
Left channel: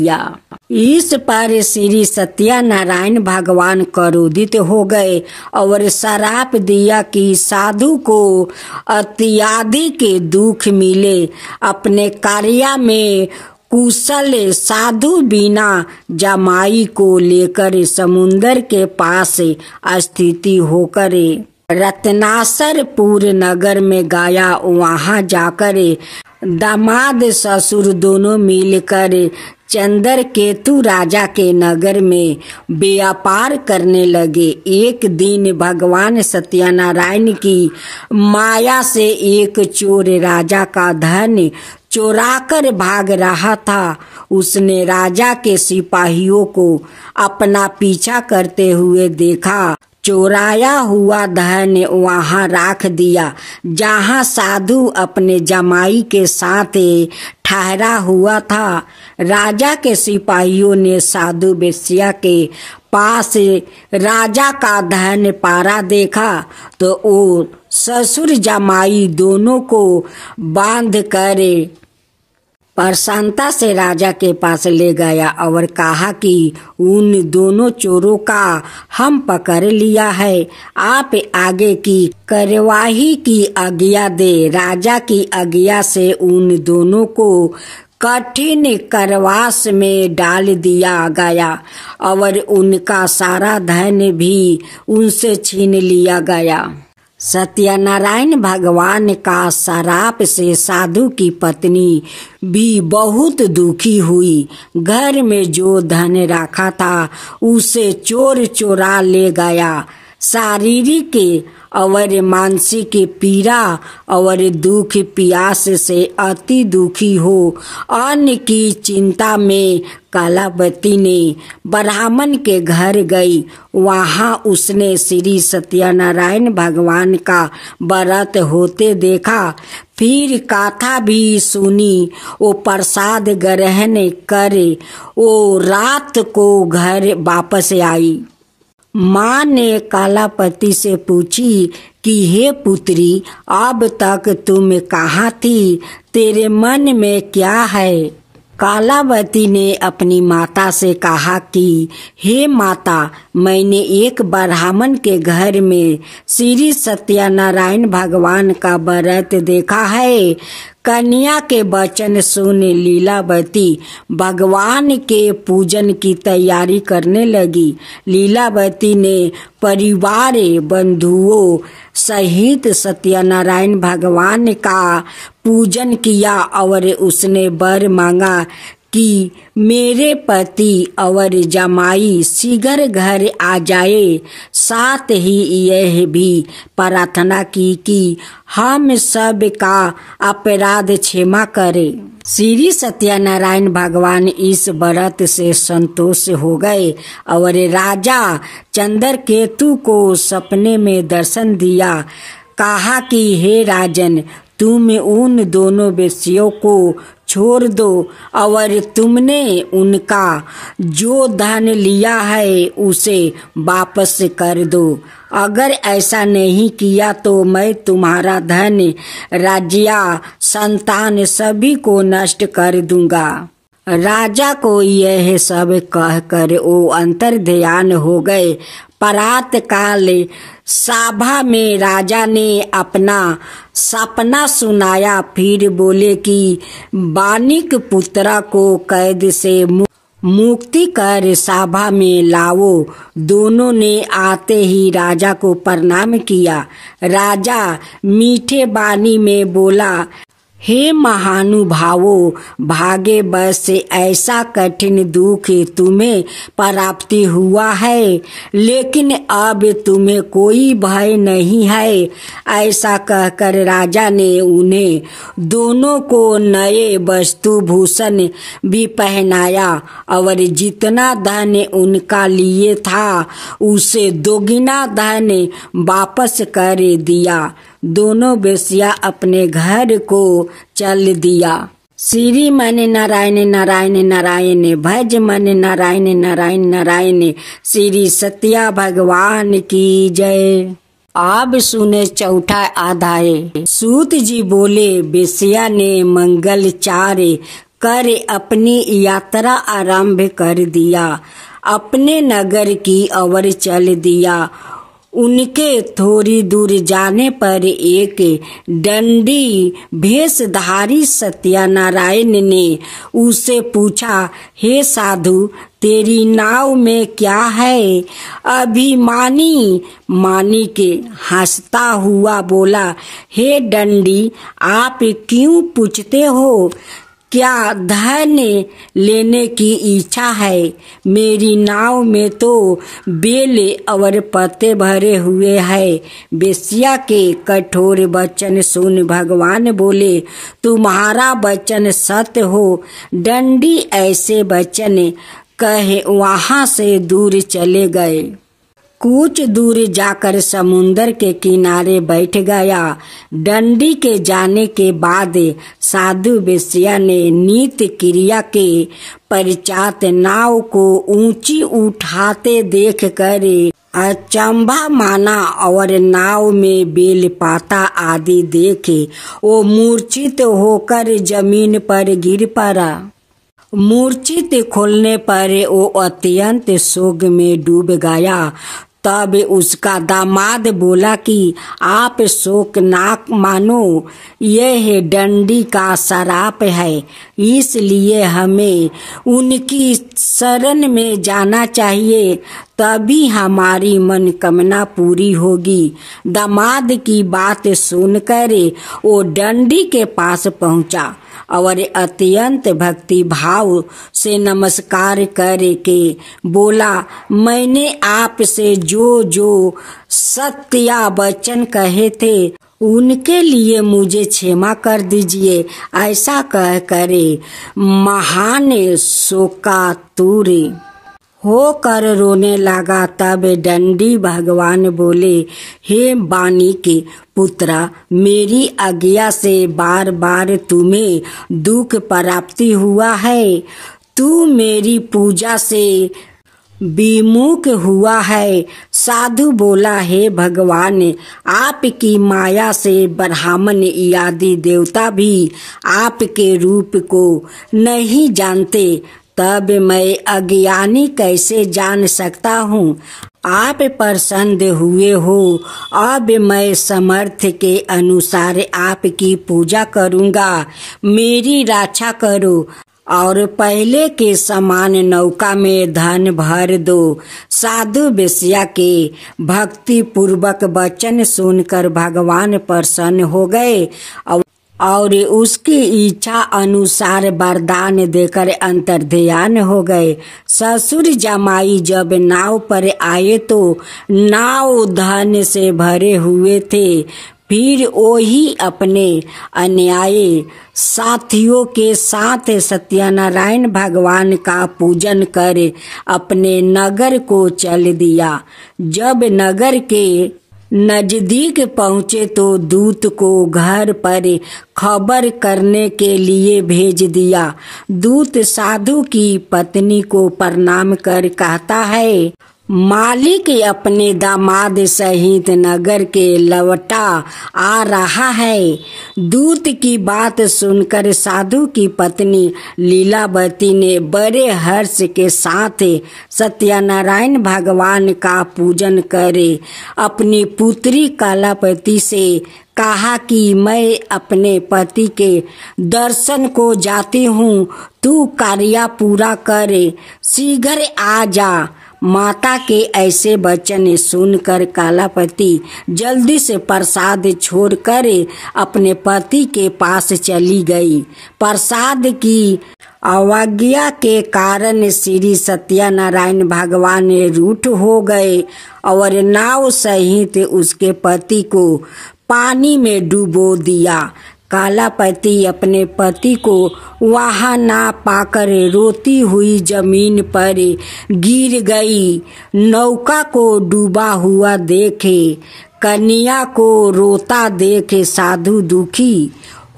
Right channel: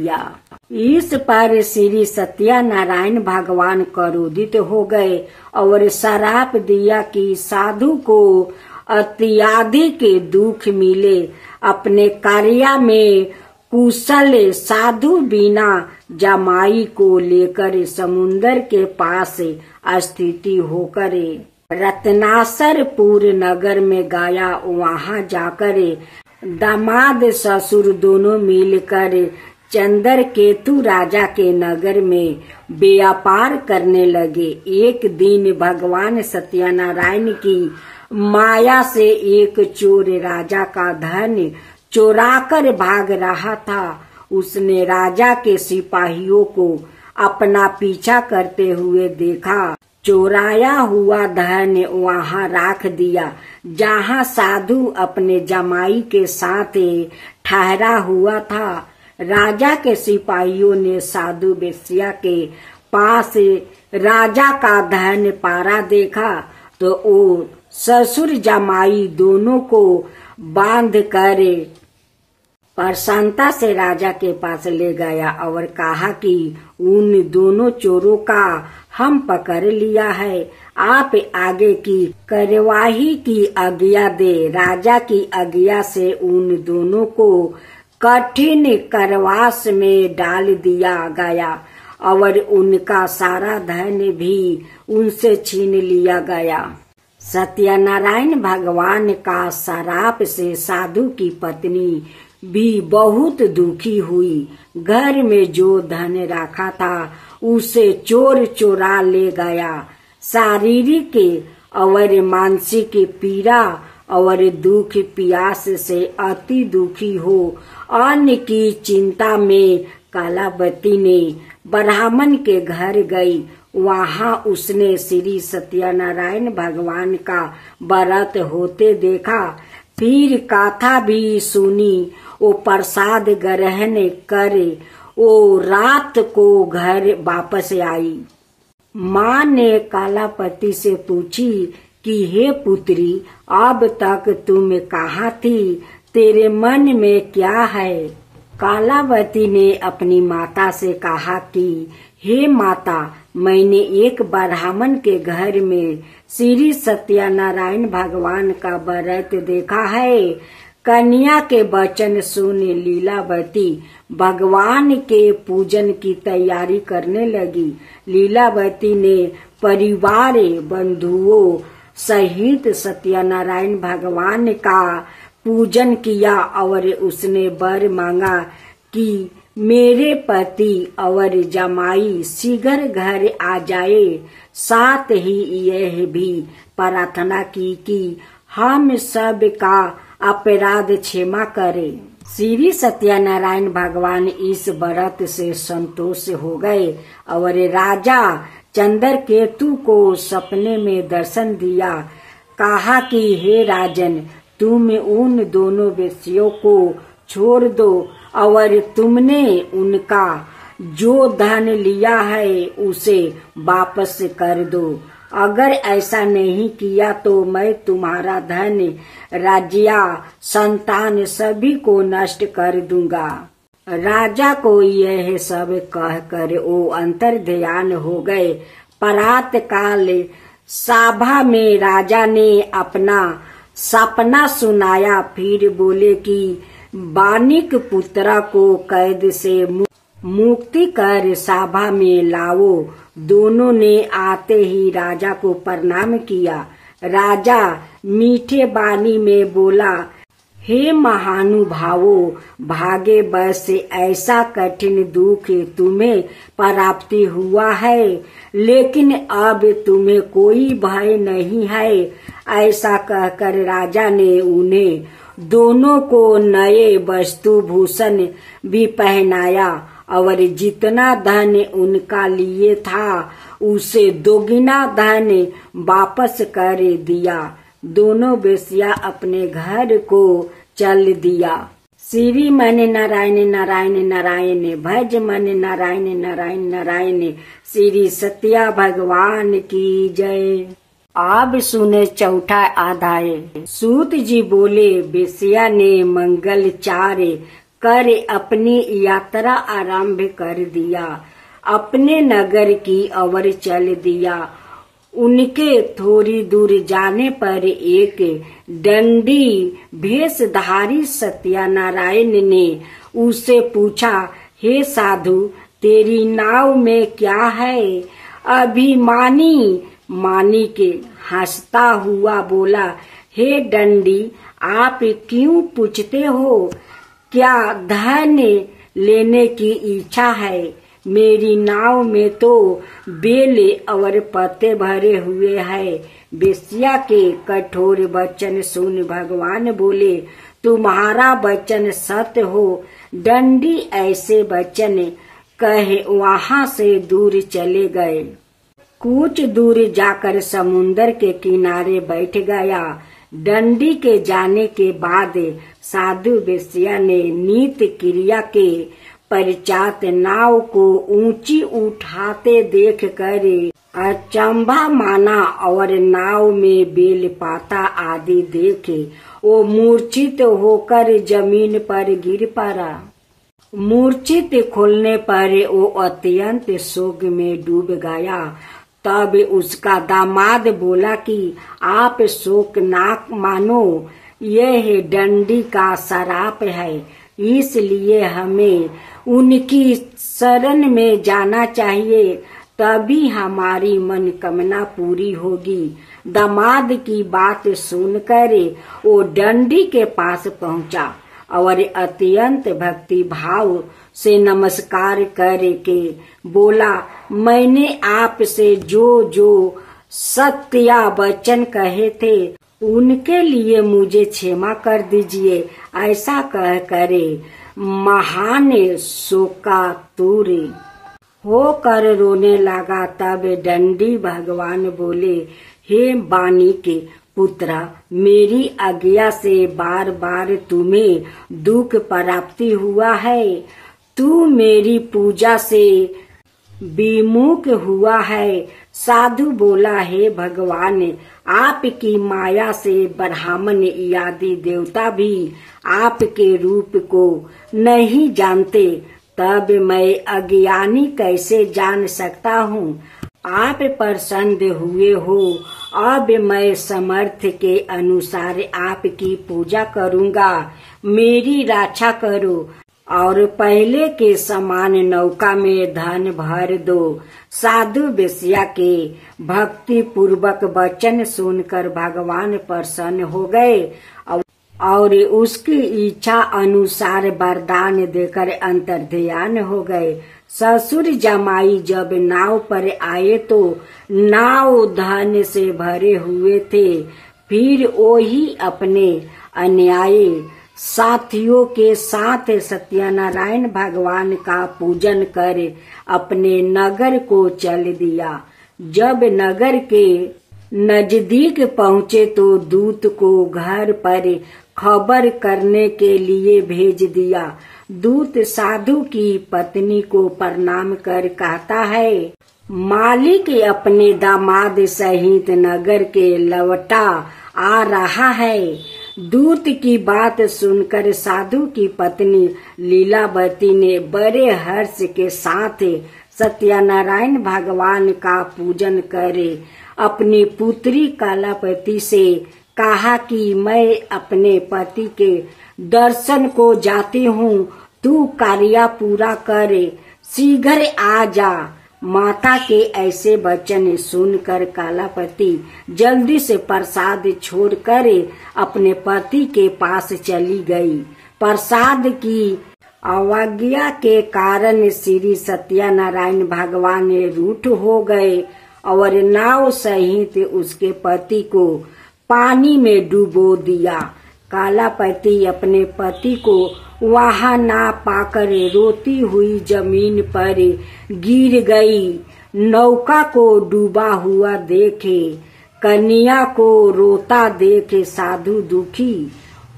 इस पर श्री सत्यनारायण भगवान क्रोधित हो गए और श्राप दिया कि साधु को अत्यधिक दुख मिले। अपने कार्य में कुशल साधु बिना जमाई को लेकर समुन्दर के पास स्थिति होकर रत्नासरपुर नगर में गया। वहां जाकर दामाद ससुर दोनों मिलकर चंद्रकेतु राजा के नगर में व्यापार करने लगे। एक दिन भगवान सत्यनारायण की माया से एक चोर राजा का धन चोराकर भाग रहा था। उसने राजा के सिपाहियों को अपना पीछा करते हुए देखा। चोराया हुआ धन वहां रख दिया जहां साधु अपने जमाई के साथ ठहरा हुआ था। राजा के सिपाहियों ने साधु वेश्या के पास राजा का धन पारा देखा तो वो ससुर जमाई दोनों को बांध कर प्रसन्नता से राजा के पास ले गया और कहा कि उन दोनों चोरों का हम पकड़ लिया है। आप आगे की कार्यवाही की आज्ञा दे। राजा की आज्ञा से उन दोनों को कठिन कारावास में डाल दिया गया और उनका सारा धन भी उनसे छीन लिया गया। सत्यनारायण भगवान का श्राप से साधु की पत्नी भी बहुत दुखी हुई। घर में जो धन रखा था उसे चोर चोरा ले गया। शारीरिक और मानसिक पीड़ा और दुख प्यास से अति दुखी हो। अन्न की चिंता में कालावती ने ब्राह्मण के घर गई। वहां उसने श्री सत्यनारायण भगवान का व्रत होते देखा। फिर कथा भी सुनी। वो प्रसाद ग्रहण करे वो रात को घर वापस आई। माँ ने कालापति से पूछी कि हे पुत्री, अब तक तुम कहाँ थी? तेरे मन में क्या है? कालावती ने अपनी माता से कहा कि हे माता, मैंने एक ब्राह्मण के घर में श्री सत्यनारायण भगवान का व्रत देखा है। कन्या के वचन सुन लीलावती भगवान के पूजन की तैयारी करने लगी। लीलावती ने परिवार बंधुओं सहित सत्यनारायण भगवान का पूजन किया और उसने वर मांगा कि मेरे पति और जमाई शीघ्र घर आ जाए। साथ ही यह भी प्रार्थना की कि हम सब का अपराध क्षमा करे। श्री सत्यनारायण भगवान इस व्रत से संतोष हो गए और राजा चंद्रकेतु को सपने में दर्शन दिया। कहा कि हे राजन, तुम उन दोनों वेश्यों को छोड़ दो और तुमने उनका जो धन लिया है उसे वापस कर दो। अगर ऐसा नहीं किया तो मैं तुम्हारा धन, राज्य, संतान सभी को नष्ट कर दूंगा। राजा को यह सब कहकर वो अंतर्ध्यान हो गए। प्रातः काल सभा में राजा ने अपना सपना सुनाया। फिर बोले कि बानिक पुत्रा को कैद से मुक्ति कर सभा में लाओ। दोनों ने आते ही राजा को प्रणाम किया। राजा मीठे वाणी में बोला, हे महानुभावों, भाग्य बस से ऐसा कठिन दुख तुम्हें प्राप्ति हुआ है, लेकिन अब तुम्हें कोई भय नहीं है। ऐसा कहकर राजा ने उन्हें दोनों को नए वस्तु भूषण भी पहनाया और जितना धन उनका लिए था उसे दोगुना धन वापस कर दिया। दोनों वेश्या अपने घर को चल दिया। श्री मन नारायण नारायण नारायण, भज मन नारायण नारायण नारायण। श्री सत्या भगवान की जय। अब सुने चौथा अध्याय। सूत जी बोले, वेश्या ने मंगलचार कर अपनी यात्रा आरंभ कर दिया। अपने नगर की ओर चल दिया। उनके थोड़ी दूर जाने पर एक दंडी भेषधारी सत्यनारायण ने उससे पूछा, हे साधु, तेरी नाव में क्या है? अभिमानी मानिक हंसता हुआ बोला, हे दंडी, आप क्यों पूछते हो? क्या धन लेने की इच्छा है? मेरी नाव में तो बेल और पत्ते भरे हुए हैं। वेश्या के कठोर वचन सुन भगवान बोले, तुम्हारा वचन सत्य हो। दंडी ऐसे वचन कहे वहां से दूर चले गए। कुछ दूर जाकर समुन्दर के किनारे बैठ गया। दंडी के जाने के बाद साधु वेश्या ने नित्य क्रिया के पश्चात नाव को ऊंची उठाते देख कर अचंभा माना और नाव में बेल पाता आदि देखे वो मूर्छित होकर जमीन पर गिर पड़ा। मूर्छित खोलने पर वो अत्यंत शोक में डूब गया। तब उसका दामाद बोला कि आप शोक ना मानो, यह दंडी का श्राप है, इसलिए हमें उनकी शरण में जाना चाहिए। तभी हमारी मनोकामना पूरी होगी। दामाद की बात सुनकर वो डंडी के पास पहुंचा और अत्यंत भक्ति भाव से नमस्कार करके बोला, मैंने आपसे जो जो सत्य वचन कहे थे उनके लिए मुझे क्षमा कर दीजिए। ऐसा कह करे महान शोकातुर होकर रोने लगा। तब दंडी भगवान बोले, हे वाणी के पुत्रा, मेरी आज्ञा से बार बार तुम्हें दुख प्राप्ति हुआ है। तू मेरी पूजा से विमुख हुआ है। साधु बोला, हे भगवान, आपकी माया से ब्राह्मण आदि देवता भी आपके रूप को नहीं जानते, तब मैं अज्ञानी कैसे जान सकता हूँ। आप प्रसन्न हुए हो, अब मैं समर्थ के अनुसार आपकी पूजा करूँगा। मेरी रक्षा करो और पहले के समान नौका में धन भर दो। साधु वेश्या के भक्ति पूर्वक वचन सुनकर भगवान प्रसन्न हो गए और उसकी इच्छा अनुसार वरदान देकर अंतर्ध्यान हो गए। ससुर जमाई जब नाव पर आए तो नाव धन से भरे हुए थे। फिर वही अपने अन्यायी साथियों के साथ सत्यनारायण भगवान का पूजन कर अपने नगर को चल दिया। जब नगर के नजदीक पहुँचे तो दूत को घर पर खबर करने के लिए भेज दिया। दूत साधु की पत्नी को प्रणाम कर कहता है, मालिक अपने दामाद सहित नगर के लौटा आ रहा है। दूत की बात सुनकर साधु की पत्नी लीलावती ने बड़े हर्ष के साथ सत्यनारायण भगवान का पूजन करे अपनी पुत्री कलापति से कहा कि मैं अपने पति के दर्शन को जाती हूँ, तू कार्य पूरा करे, शीघ्र आ जा। माता के ऐसे वचन सुनकर कलापति जल्दी से प्रसाद छोड़कर अपने पति के पास चली गई। प्रसाद की अवज्ञा के कारण श्री सत्यनारायण भगवान रूठ हो गए और नाव सहित उसके पति को पानी में डुबो दिया। कलापति अपने पति को वहां ना पाकर रोती हुई जमीन पर गिर गई। नौका को डूबा हुआ देखे कन्या को रोता देखे साधु दुखी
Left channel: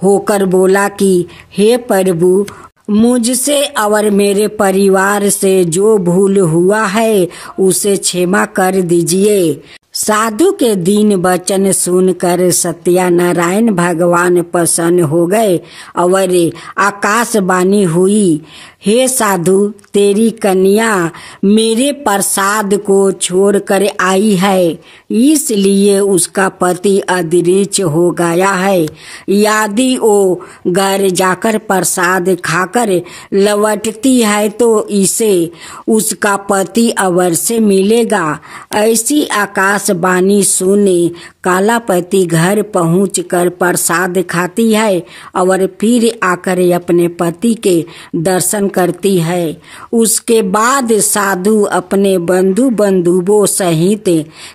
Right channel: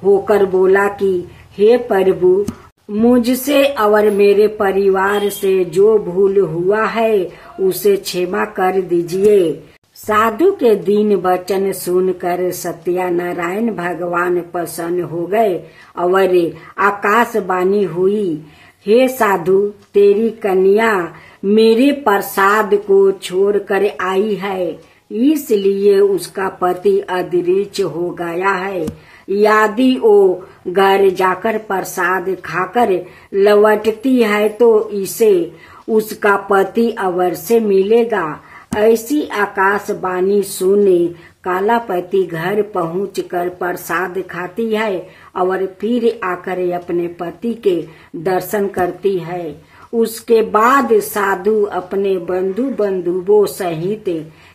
होकर बोला कि हे प्रभु, मुझसे और मेरे परिवार से जो भूल हुआ है उसे क्षमा कर दीजिए। साधु के दीन वचन सुनकर सत्यनारायण भगवान प्रसन्न हो गए और आकाशवाणी हुई, हे साधु, तेरी कन्या मेरे प्रसाद को छोड़कर आई है, इसलिए उसका पति अदृश्य हो गया है। यदि वो घर जाकर प्रसाद खाकर लौटती है तो इसे उसका पति अवश्य मिलेगा। ऐसी आकाशवाणी सुने कलापति घर पहुंचकर प्रसाद खाती है और फिर आकर अपने पति के दर्शन करती है। उसके बाद साधु अपने बंधु बंधुओं सहित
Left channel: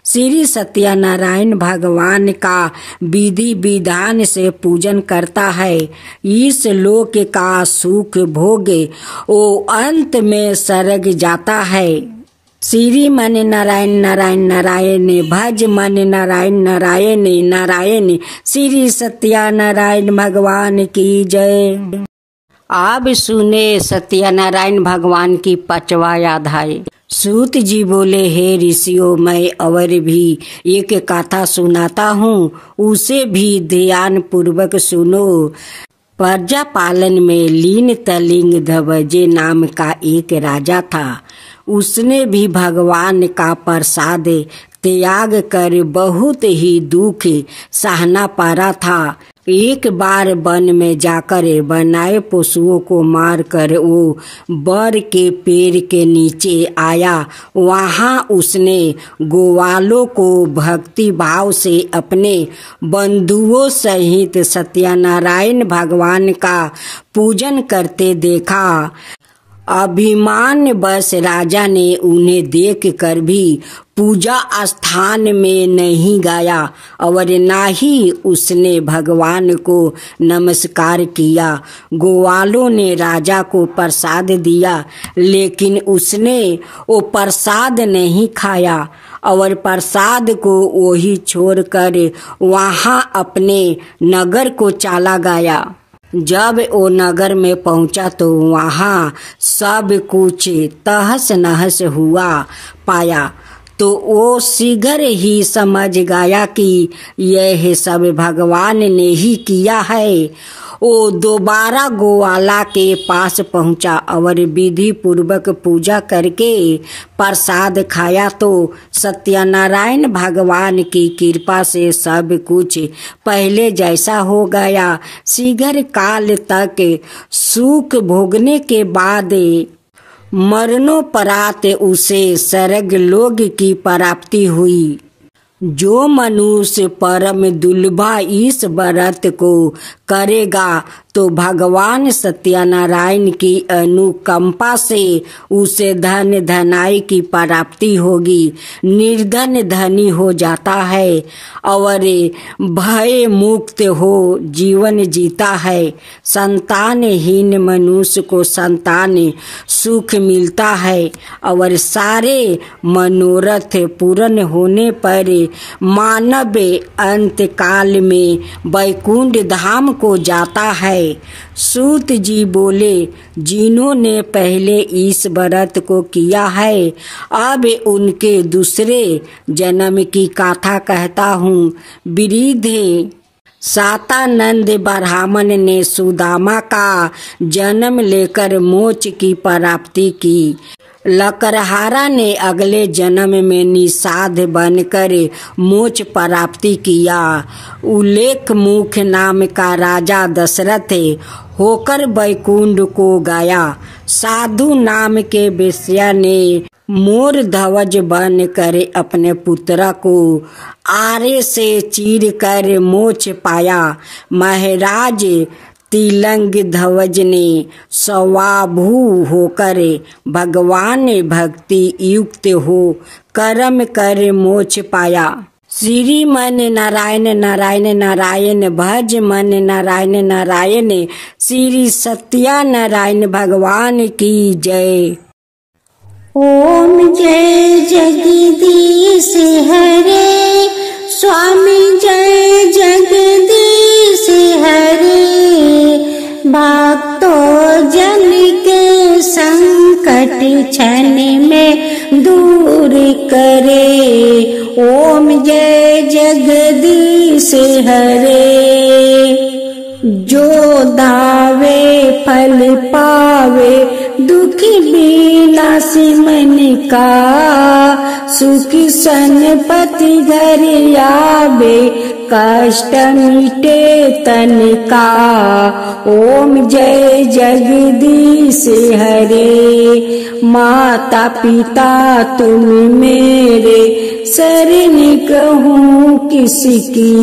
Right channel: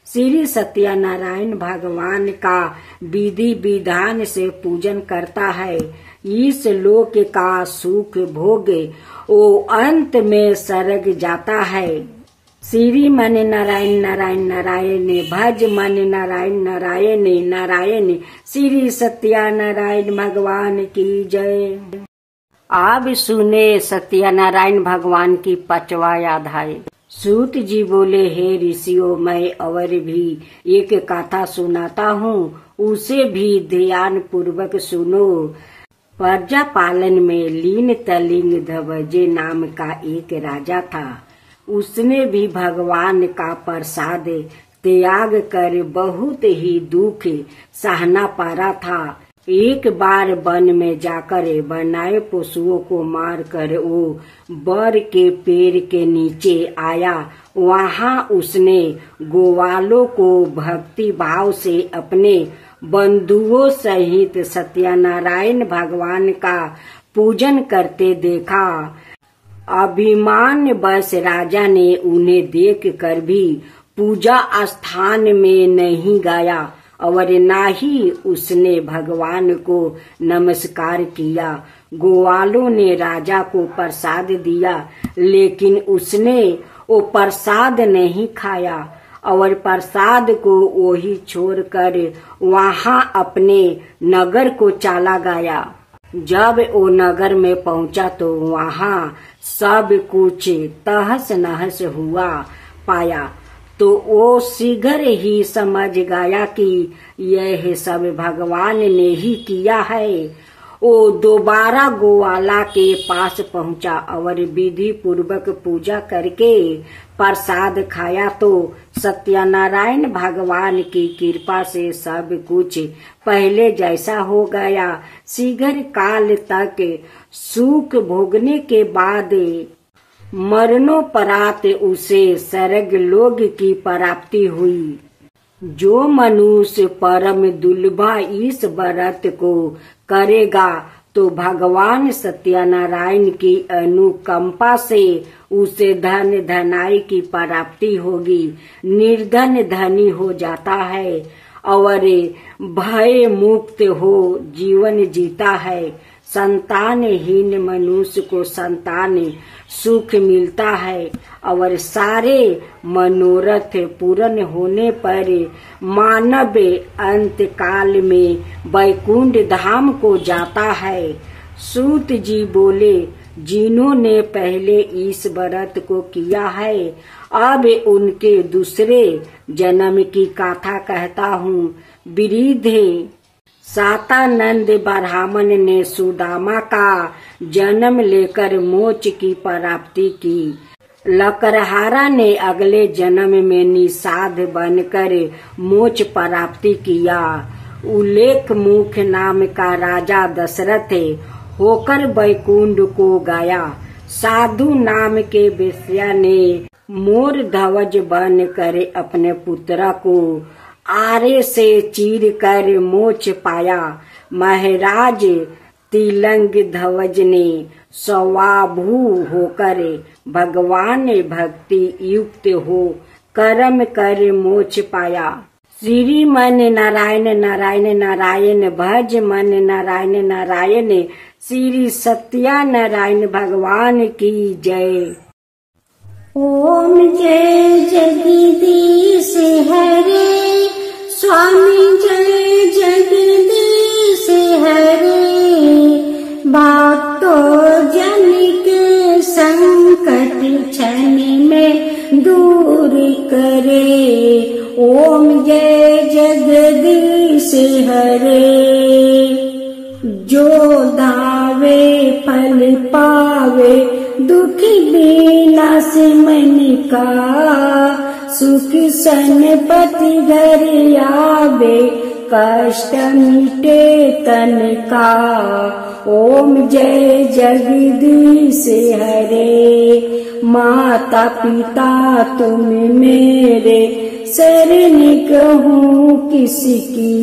श्री सत्यनारायण भगवान का विधि विधान से पूजन करता है। इस लोक का सुख भोगे वो अंत में स्वर्ग जाता है। श्री मन नारायण नारायण नारायण भज मन नारायण नारायण नारायण। श्री सत्यनारायण भगवान की जय। अब सुने सत्यनारायण भगवान की 5वां अध्याय। सूत जी बोले, हे ऋषियों, मैं और भी एक कथा सुनाता हूँ, उसे भी ध्यान पूर्वक सुनो। प्रजा पालन में लीन तलिंग धवजे नाम का एक राजा था। उसने भी भगवान का प्रसाद त्याग कर बहुत ही दुख सहना पड़ा था। एक बार वन में जाकर बनाए पशुओं को मारकर वो बर के पेड़ के नीचे आया। वहां उसने ग्वालों को भक्ति भाव से अपने बंधुओं सहित सत्यनारायण भगवान का पूजन करते देखा। अभिमान बस राजा ने उन्हें देखकर भी पूजा स्थान में नहीं गया और न ही उसने भगवान को नमस्कार किया। ग्वालों ने राजा को प्रसाद दिया, लेकिन उसने वो प्रसाद नहीं खाया और प्रसाद को वही छोड़कर वहां अपने नगर को चला गया। जब वो नगर में पहुंचा तो वहां सब कुछ तहस नहस हुआ पाया, तो वो शीघ्र ही समझ गया कि यह सब भगवान ने ही किया है। वो दोबारा ग्वाला के पास पहुंचा और विधि पूर्वक पूजा करके प्रसाद खाया, तो सत्यनारायण भगवान की कृपा से सब कुछ पहले जैसा हो गया। शीघ्र काल तक सुख भोगने के बाद मरणोपरांत उसे स्वर्ग लोक की प्राप्ति हुई। जो मनुष्य परम दुर्लभा इस व्रत को करेगा तो भगवान सत्यनारायण की अनुकंपा से उसे धन धनाई की प्राप्ति होगी। निर्धन धनी हो जाता है और भय मुक्त हो जीवन जीता है। संतानहीन मनुष्य को संतान सुख मिलता है और सारे मनोरथ पूर्ण होने पर मानव अंत काल में वैकुंठ धाम को जाता है। सूत जी बोले, जिन्होंने पहले इस व्रत को किया है, अब उनके दूसरे जन्म की कथा कहता हूँ। वृद्ध सातानंद ब्राह्मण ने सुदामा का जन्म लेकर मोक्ष की प्राप्ति की। लकड़हारा ने अगले जन्म में निषाद बनकर मोक्ष प्राप्ति किया। उल्लेखमुख नाम का राजा दशरथ होकर वैकुंठ को गया। साधु नाम के वेश्या ने मोर ध्वज बनकर अपने पुत्र को आरे से चीर कर मोक्ष पाया। महाराज तिलंग ध्वज ने स्वाभू होकर भगवान भक्ति युक्त हो कर्म कर मोक्ष पाया। श्री मन नारायण नारायण नारायण भज मन नारायण नारायण। श्री सत्यनारायण भगवान की जय। ओम जय जगदीश हरे स्वामी जय जगदीश हरे। भक्तों जन के संकट क्षण में दूर करे। ओम जय जगदीश हरे। जो दावे फल पावे दुख विनाश मन का। सुख संपत्ति घर आवे कष्ट मिटे तन का। ओम जय जगदीश हरे। माता पिता तुम मेरे शरण कहूँ किसकी।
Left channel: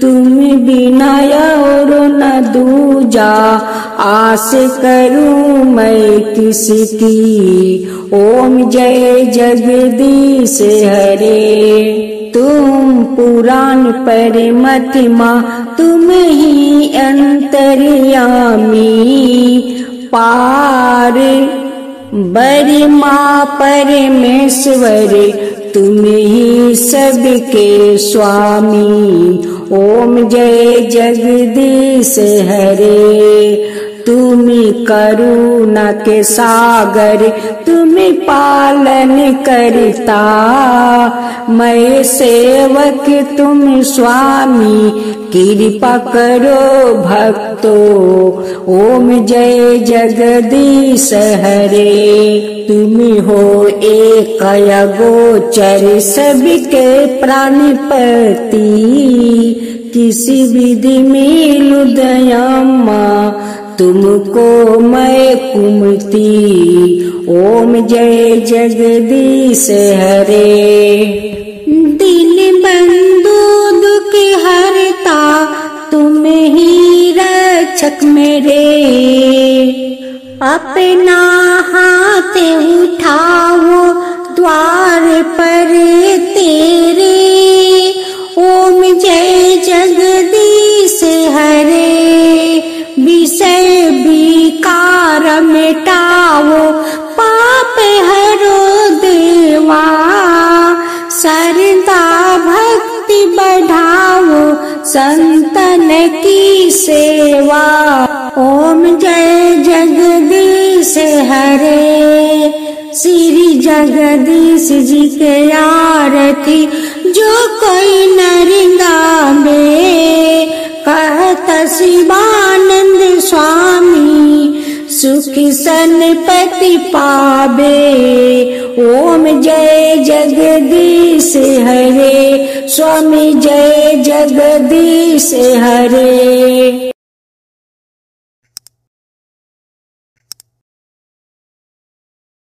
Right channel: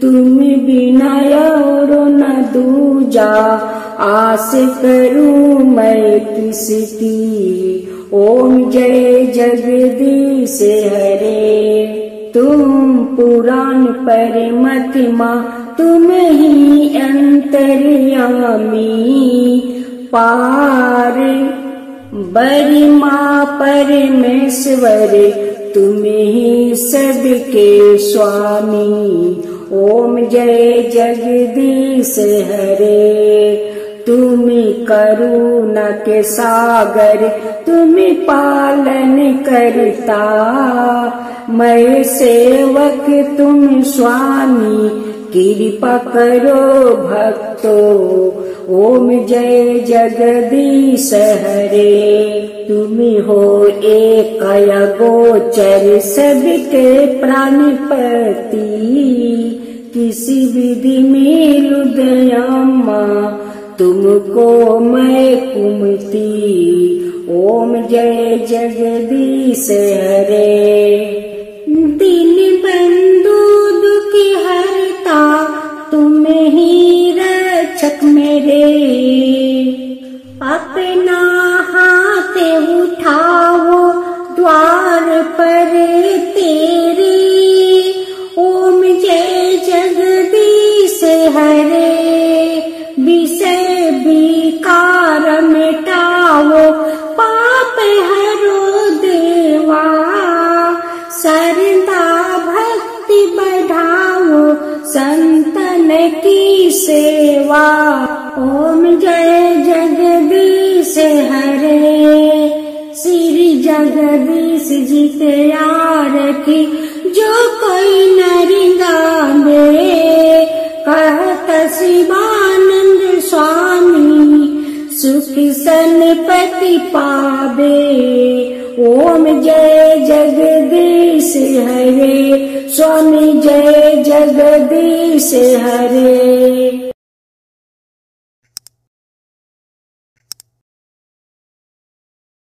तुम बिना और न दूजा आस करूं मैं किसकी। ओम जय जगदीश हरे। तुम पुराण परमात्मा तुम ही अंतर्यामी। पार बरिमा परमेश्वर तुम ही सबके स्वामी। ओम जय जगदीश हरे। तुम करुणा के सागर तुम पालन करता। मैं सेवक तुम स्वामी कृपा करो भक्तों। ओम जय जगदीश हरे। तुम हो एक अगोचर सबके प्राणपति। किसी विधि मिलु दयाम्मा तुमको मैं कुमती। ओम जय जगदीश हरे। दीन बंधु दुख हरता तुम ही रक्षक मेरे। अपना हाथ उठाओ द्वार पर तेरे। ओम जय जगदीश हरे। विषय विकार मिटाओ पाप हरो देवा। श्रद्धा भक्ति बढ़ाओ संतन की सेवा। ओम जय जगदीश हरे। श्री जगदीश जी के आरती जो कोई नर गावे। कहत शिवानंद स्वामी सुख सनपति पावे। ओम जय जगदीश हरे। स्वामी जय जगदीश हरे।